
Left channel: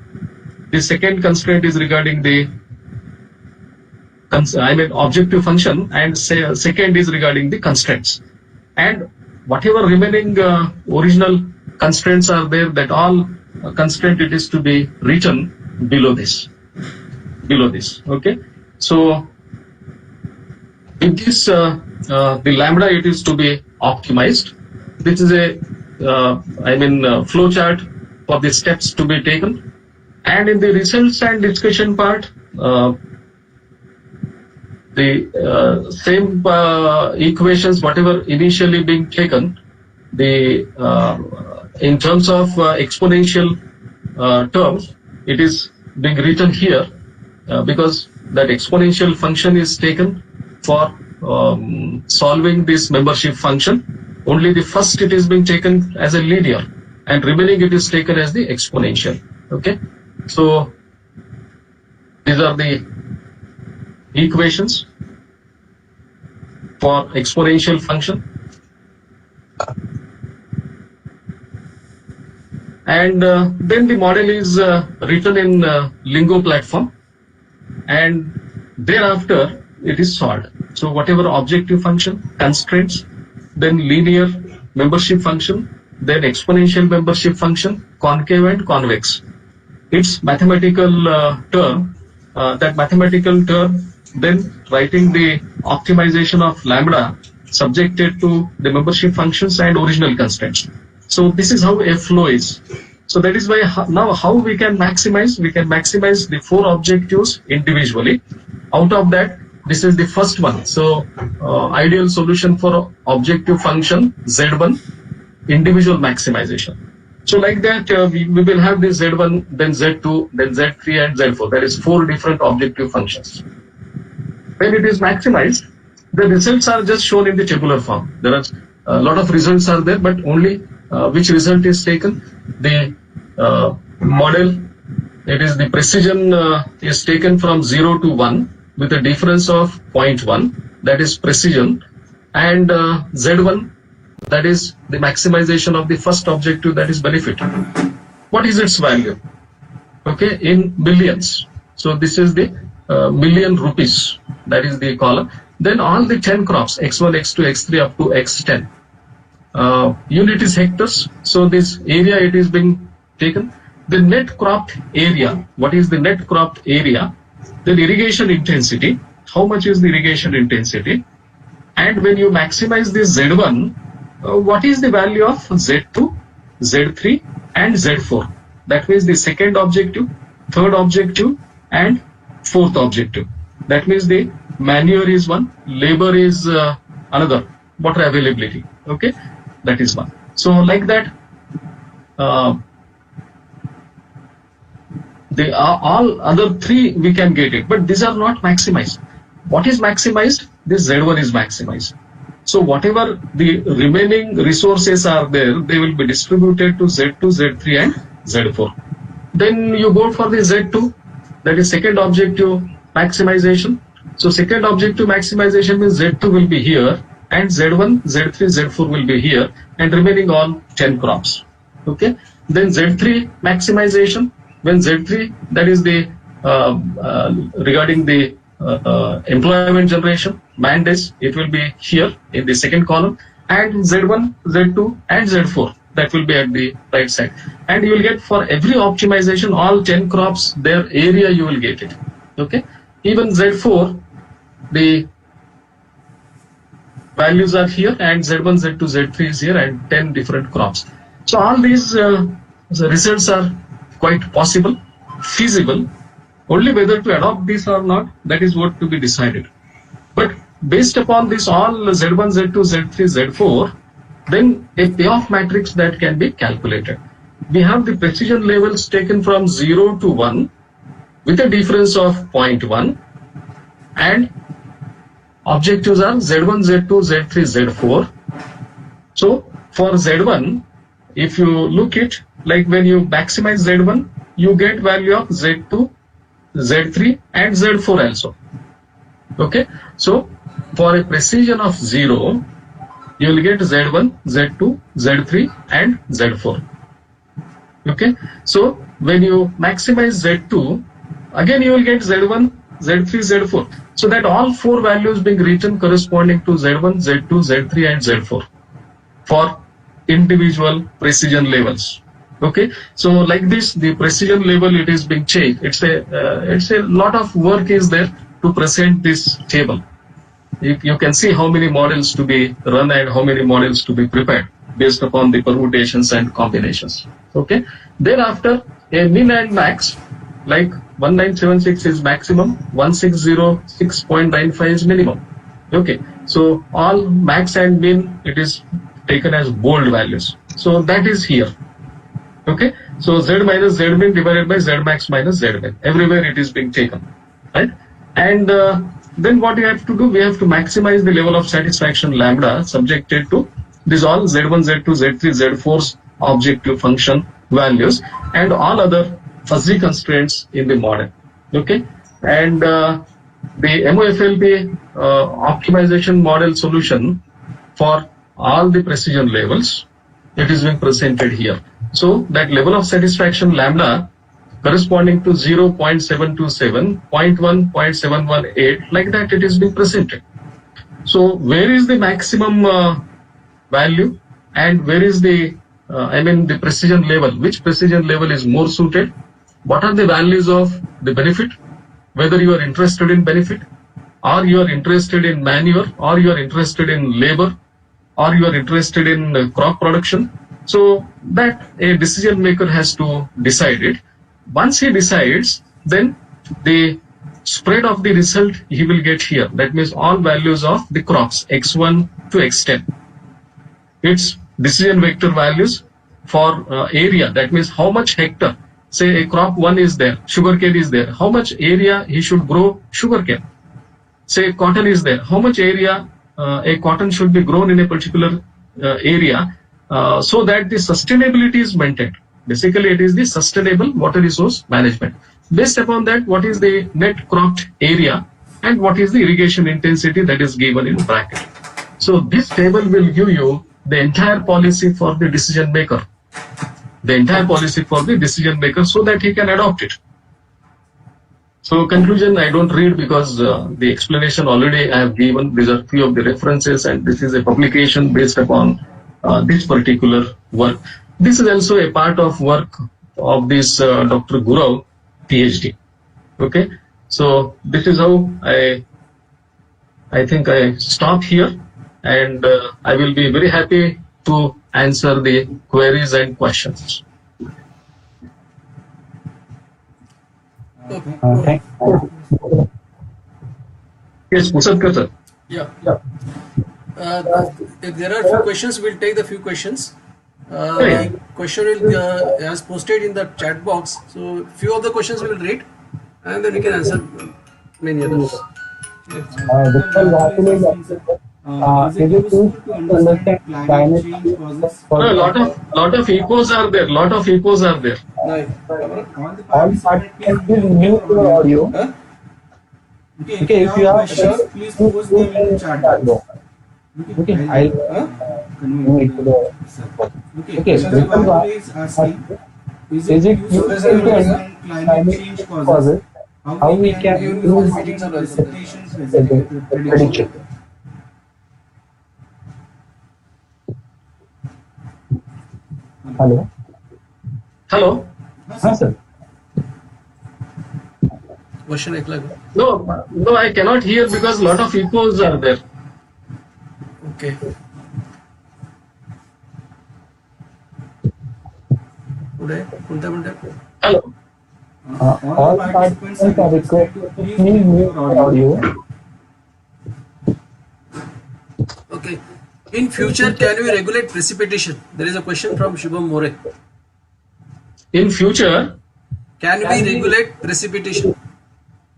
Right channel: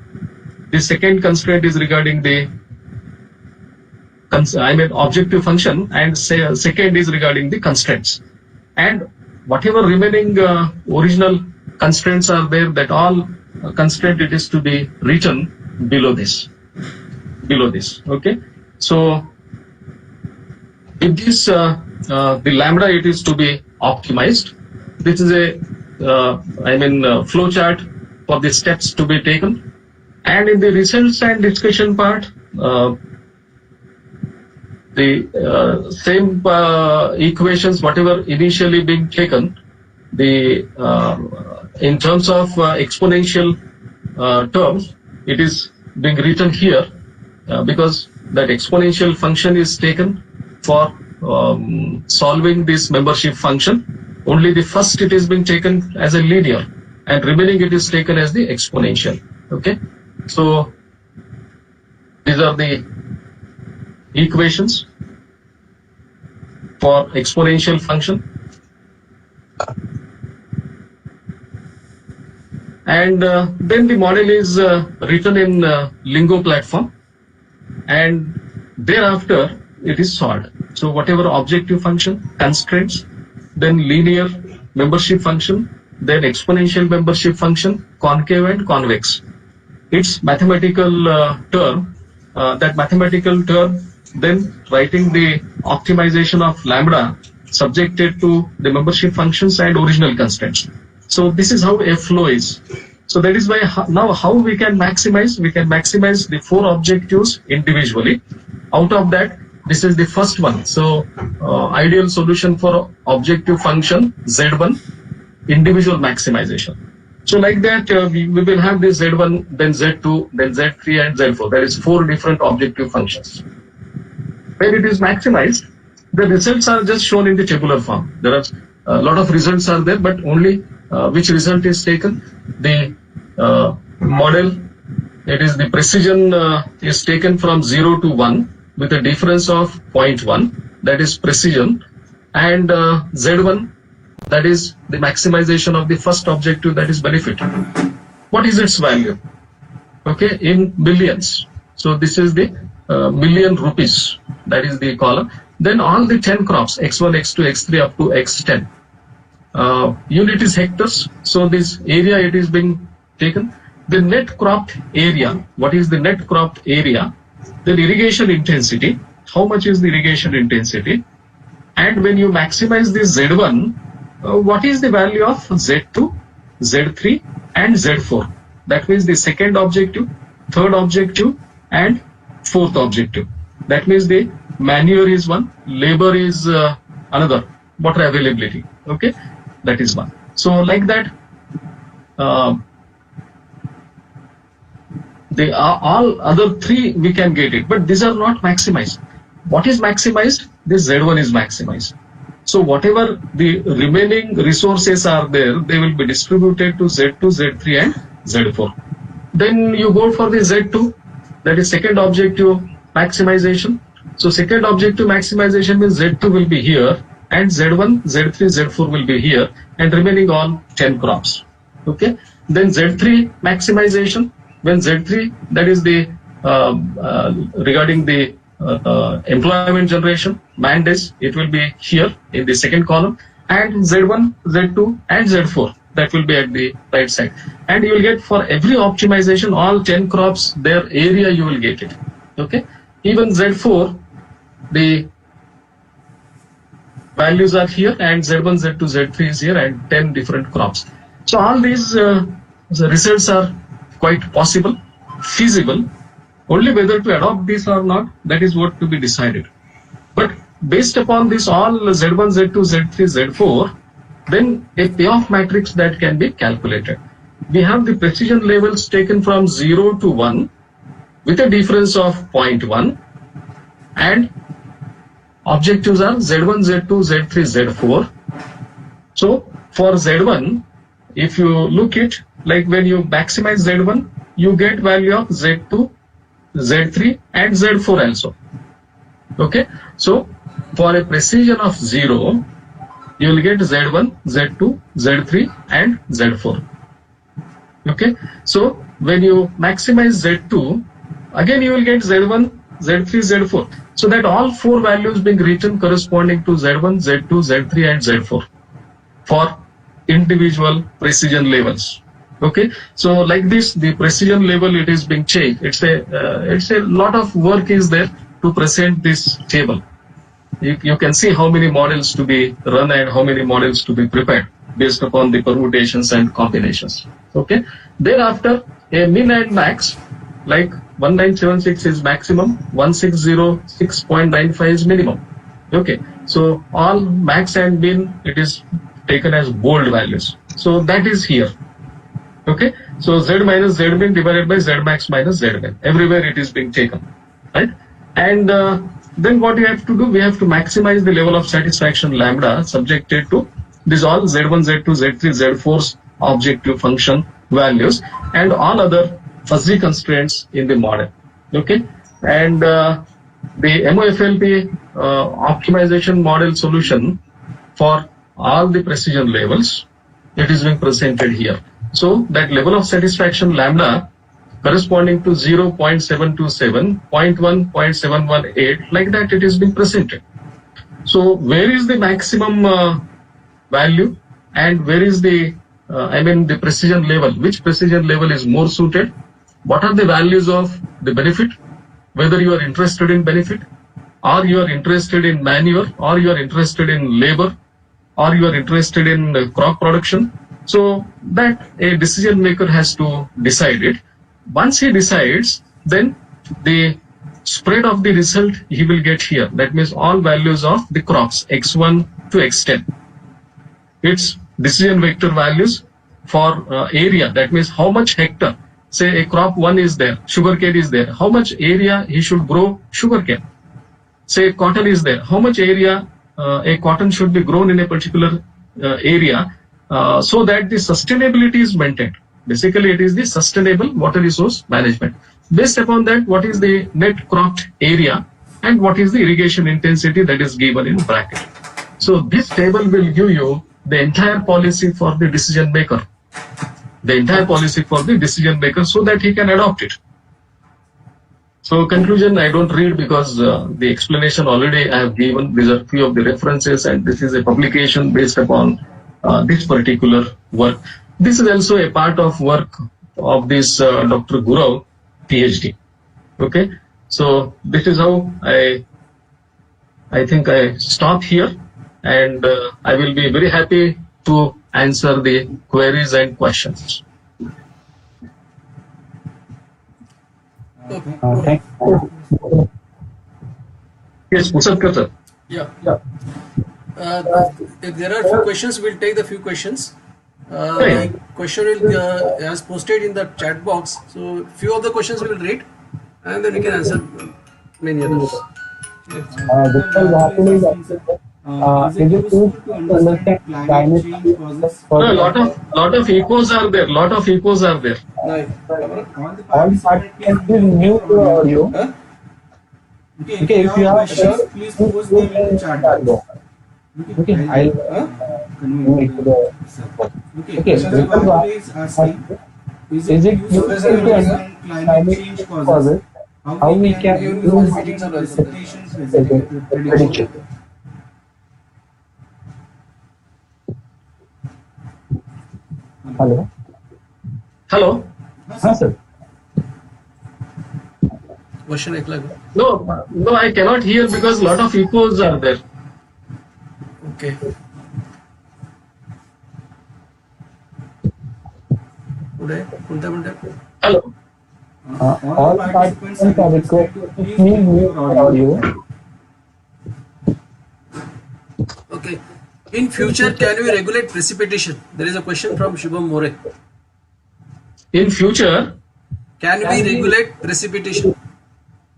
The second constraint is regarding the objective function, and second is regarding the constraints. And whatever remaining original constraints are there, that all constraint it is to be written below this. Okay, so with this the lambda, it is to be optimized. This is a flow chart for the steps to be taken, and in the results and discussion part, the same equations, whatever initially being taken, the in terms of exponential terms, it is being written here because that exponential function is taken for solving this membership function. Only the first it is being taken as a linear, and remaining it is taken as the exponential. Okay, so these are the equations for exponential function, and then the model is written in Lingo platform, and thereafter it is solved. So whatever objective function, constraints, then linear membership function, then exponential membership function, concave and convex, its mathematical term, that mathematical term, then writing the optimization of lambda subjected to the membership functions and original constraints. So this is how a flow is. So that is why now how we can maximize the four objectives individually. Out of that, this is the first one. So ideal solution for objective function Z1, individual maximization. So like that, we will have this Z1, then Z2, then Z3 and Z4. There is 4 different objective functions. When it is maximized, the results are just shown in the tabular form. There are a lot of results are there, but only which result is taken. The model, it is the precision is taken from 0 to 1 with a difference of 0.1, that is precision, and Z1, that is the maximization of the first objective, that is benefit. What is its value? Okay, in millions. So this is the million rupees, that is the column. Then all the 10 crops, x1, x2, x3 up to x10. Unit is hectares, so this area it is being taken. The net cropped area, what is the net cropped area? Then irrigation intensity, how much is the irrigation intensity? And when you maximize this Z1, what is the value of Z2, Z3 and Z4? That means the second objective, third objective and fourth objective. That means the manure is one, labor is another, water availability. Okay, that is one. So like that, the all other 3 we can get it, but these are not maximized. What is maximized? This Z1 is maximized. So whatever the remaining resources are there, they will be distributed to Z2, Z3 and Z4. Then you go for the Z2, that is second objective maximization. So second objective maximization means Z2 will be here and Z1, Z3, Z4 will be here and remaining all 10 crops. Okay. Then Z3 maximization, when Z3, that is the regarding the employment generation, man days, it will be here in the second column, and Z1, Z2 and Z4, that will be at the right side. And you will get for every optimization, all 10 crops, their area you will get it. Okay. Even Z4, the values are here and Z1, Z2, Z3 is here and 10 different crops. So all these the results are quite possible, feasible. Only whether to adopt this or not, that is what to be decided. But based upon this all Z1, Z2, Z3, Z4, then a payoff matrix that can be calculated. We have the precision levels taken from 0 to 1 with a difference of 0.1 and objectives are Z1, Z2, Z3, Z4. So for Z1, if you look it, like when you maximize Z1, you get value of Z2, Z3 and Z4 also. Okay. So for a precision of 0, you will get Z1, Z2, Z3 and Z4. Okay. So when you maximize Z2, again you will get Z1, Z3, Z4. So that all four values being written corresponding to Z1, Z2, Z3 and Z4 for individual precision levels. Okay. So like this, the precision level, it is being checked. It's a lot of work is there to present this table. You can see how many models to be run and how many models to be prepared based upon the permutations and combinations. Okay. Thereafter, a min and max, like 1976 is maximum, 1606.95 is minimum. Okay. So all max and min, it is taken as bold values. So that is here. Okay. So Z minus Z min divided by Z max minus Z min. Everywhere it is being taken. Right. And then what you have to do, we have to maximize the level of satisfaction lambda subjected to this all Z1, Z2, Z3, Z4's objective function values and all other fuzzy constraints in the model. Okay. And the MOFLP optimization model solution for all the precision levels, it is being presented here. So that level of satisfaction lambda corresponding to 0.727, 0.1, 0.718, like that it is being presented. So where is the maximum value and where is the the precision level, which precision level is more suited, what are the values of the benefit, whether you are interested in benefit or you are interested in manure or you are interested in labor or you are interested in crop production. So that a decision maker has to decide it. Once he decides, then the spread of the result he will get here. That means all values of the crops x1 to x10. Its decision vector values for area. That means how much hectare. Say a crop 1 is there, sugarcane is there. How much area he should grow sugarcane. Say cotton is there. How much area a cotton should be grown in a particular area so that the sustainability is maintained. Basically, it is the sustainable water resource management. Based upon that, what is the net cropped area and what is the irrigation intensity that is given in bracket. So this table will give you the entire policy for the decision maker. The entire policy for the decision maker so that he can adopt it. So conclusion, I don't read because the explanation already I have given. These are few of the references and this is a publication based upon this particular work. This is also a part of work of this Dr. Gurau, PhD. Okay, so this is how I think I stop here, and I will be very happy to answer the queries and questions. Yes, Musatkar sir. Yeah. If there are few questions, we'll take the few questions. The question will as posted in the chat box. So few of the questions we will read, and then we can answer many others. Is it useful to understand climate change causes? No, lot of echoes are there. Lot of echoes are there. Right. All the participants, please mute your audio. Huh? Okay, if you have questions, please post them in the chat box. Okay, I'll Huh? convey it to the sir. Okay, so Vipul is asking, is it useful to understand climate change causes? How we can improve precipitation prediction? Hello. Hello. हाँ sir. Question ऐकला का? No, I cannot hear because lot of echoes are there. Okay. पुढे कोणत्या म्हणतात? Hello. All participants are requested to please mute your audio. Okay. In future, can we regulate precipitation? There is a question from Shubham More. In future, Can we regulate precipitation?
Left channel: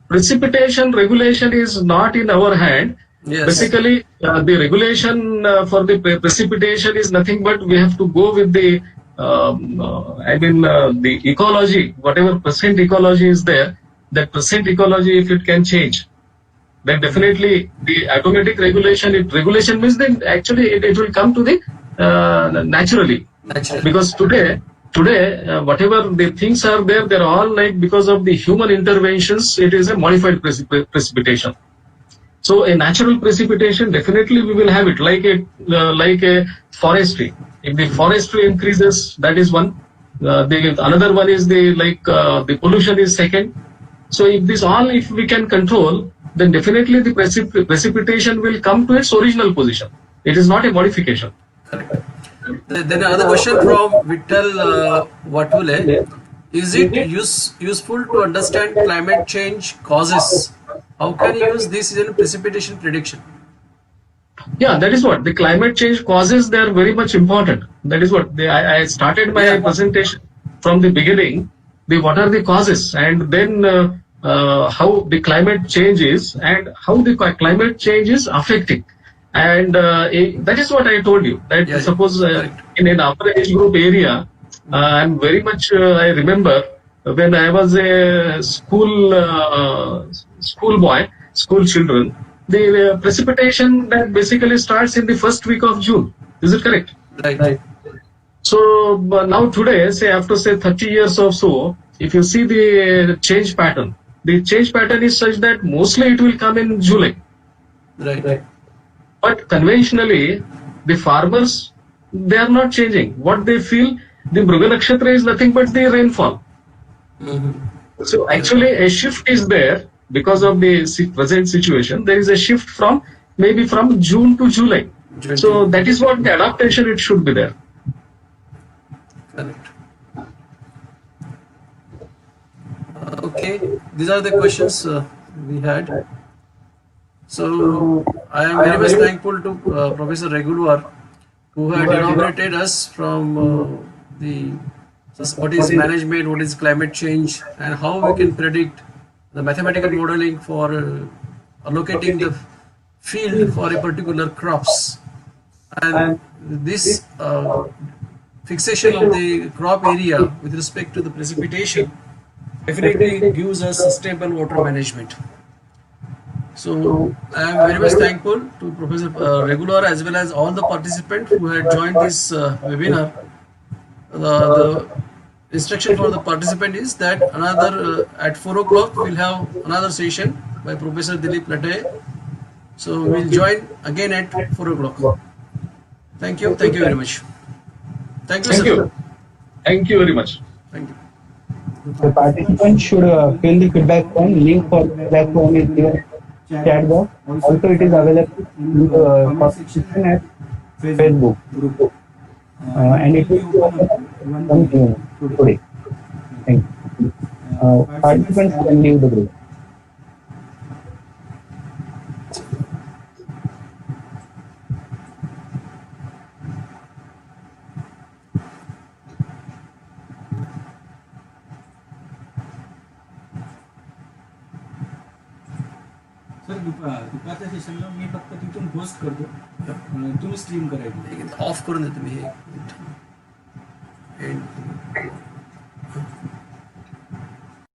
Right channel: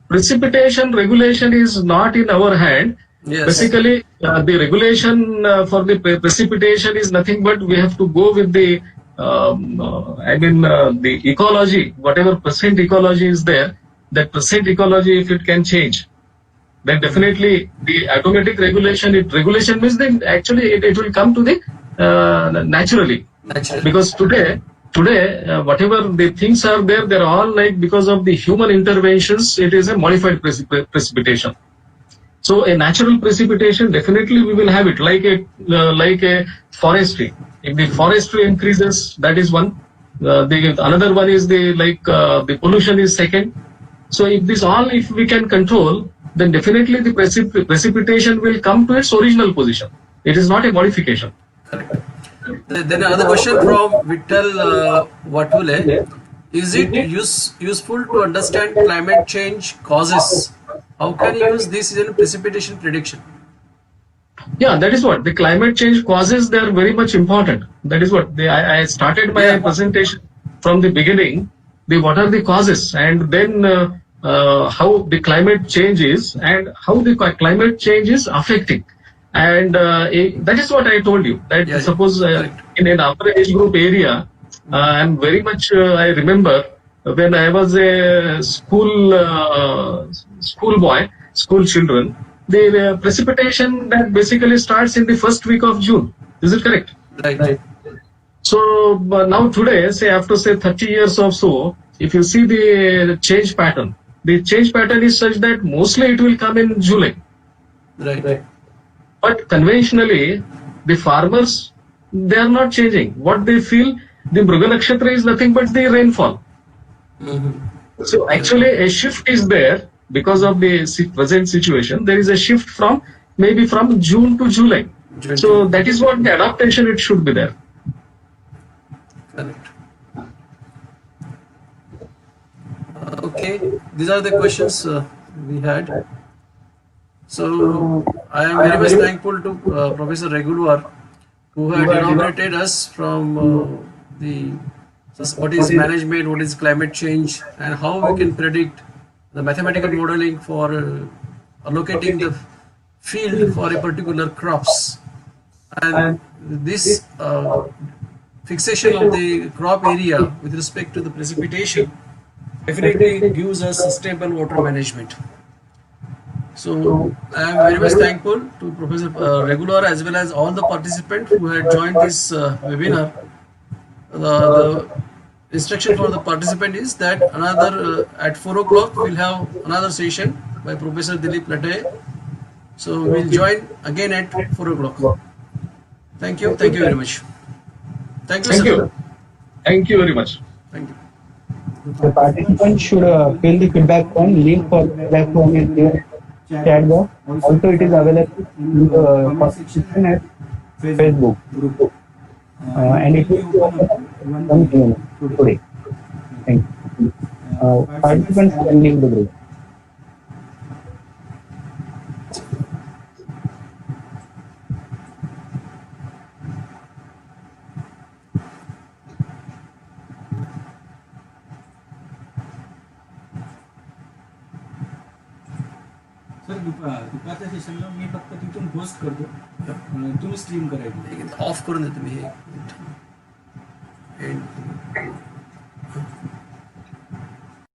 precipitation regulation is not in our hand. Yes. Basically, the regulation for the precipitation is nothing but we have to go with the, the ecology, whatever percent ecology is there, that percent ecology, if it can change, then definitely the automatic regulation, regulation means that actually it will come to the naturally. Naturally. Because today, whatever the things are there, they're all like because of the human interventions, it is a modified precipitation. So a natural precipitation, definitely we will have it like a forestry. If the forestry increases, that is one. Another one is the pollution is second. So if we can control, then definitely the precipitation will come to its original position. It is not a modification. Then another question from Vittal Vatule. Is it useful to understand climate change causes? How can you use this in precipitation prediction? Yeah, that is what the climate change causes. They are very much important. That is what I started my presentation from the beginning. What are the causes, and then how the climate change is, and how the climate change is affecting. And that is what I told you. That suppose in an upper age group area, I'm very much. I remember when I was a school children. The precipitation that basically starts in the first week of June. Is it correct? Right. So now today, say after 30 years or so, if you see the change pattern is such that mostly it will come in July. Right. But conventionally, the farmers, they are not changing. What they feel, the Mruga Nakshatra is nothing but the rainfall. Mm-hmm. So actually a shift is there because of the present situation. There is a shift from maybe from June to July. So that is what the adaptation it should be there. Correct. Okay, these are the questions we had. So I am very much thankful to Professor Regular, who had elaborated us from what is management, what is climate change, and how we can predict the mathematical modeling for allocating the field for a particular crops. And this fixation of the crop area with respect to the precipitation definitely gives us sustainable water management. So I am very much thankful to Professor Regular as well as all the participants who had joined this webinar. The instruction for the participant is that another at 4 o'clock we'll have another session by Professor Dilip Latte. So we'll join again at 4 o'clock. Thank you very much. Thank you, sir. Thank you very much. Thank you. The participants should fill the feedback form. Link for feedback form is there. Chat box. Also, it is available in the comment section at Facebook group. And it will be open 1 p.m. today. Thank you. Participants can leave the group. Sir दुपारच्या सेशनला मी फक्त तिथून host करतो, तुम्ही stream करायची. Of करून देतो मी हे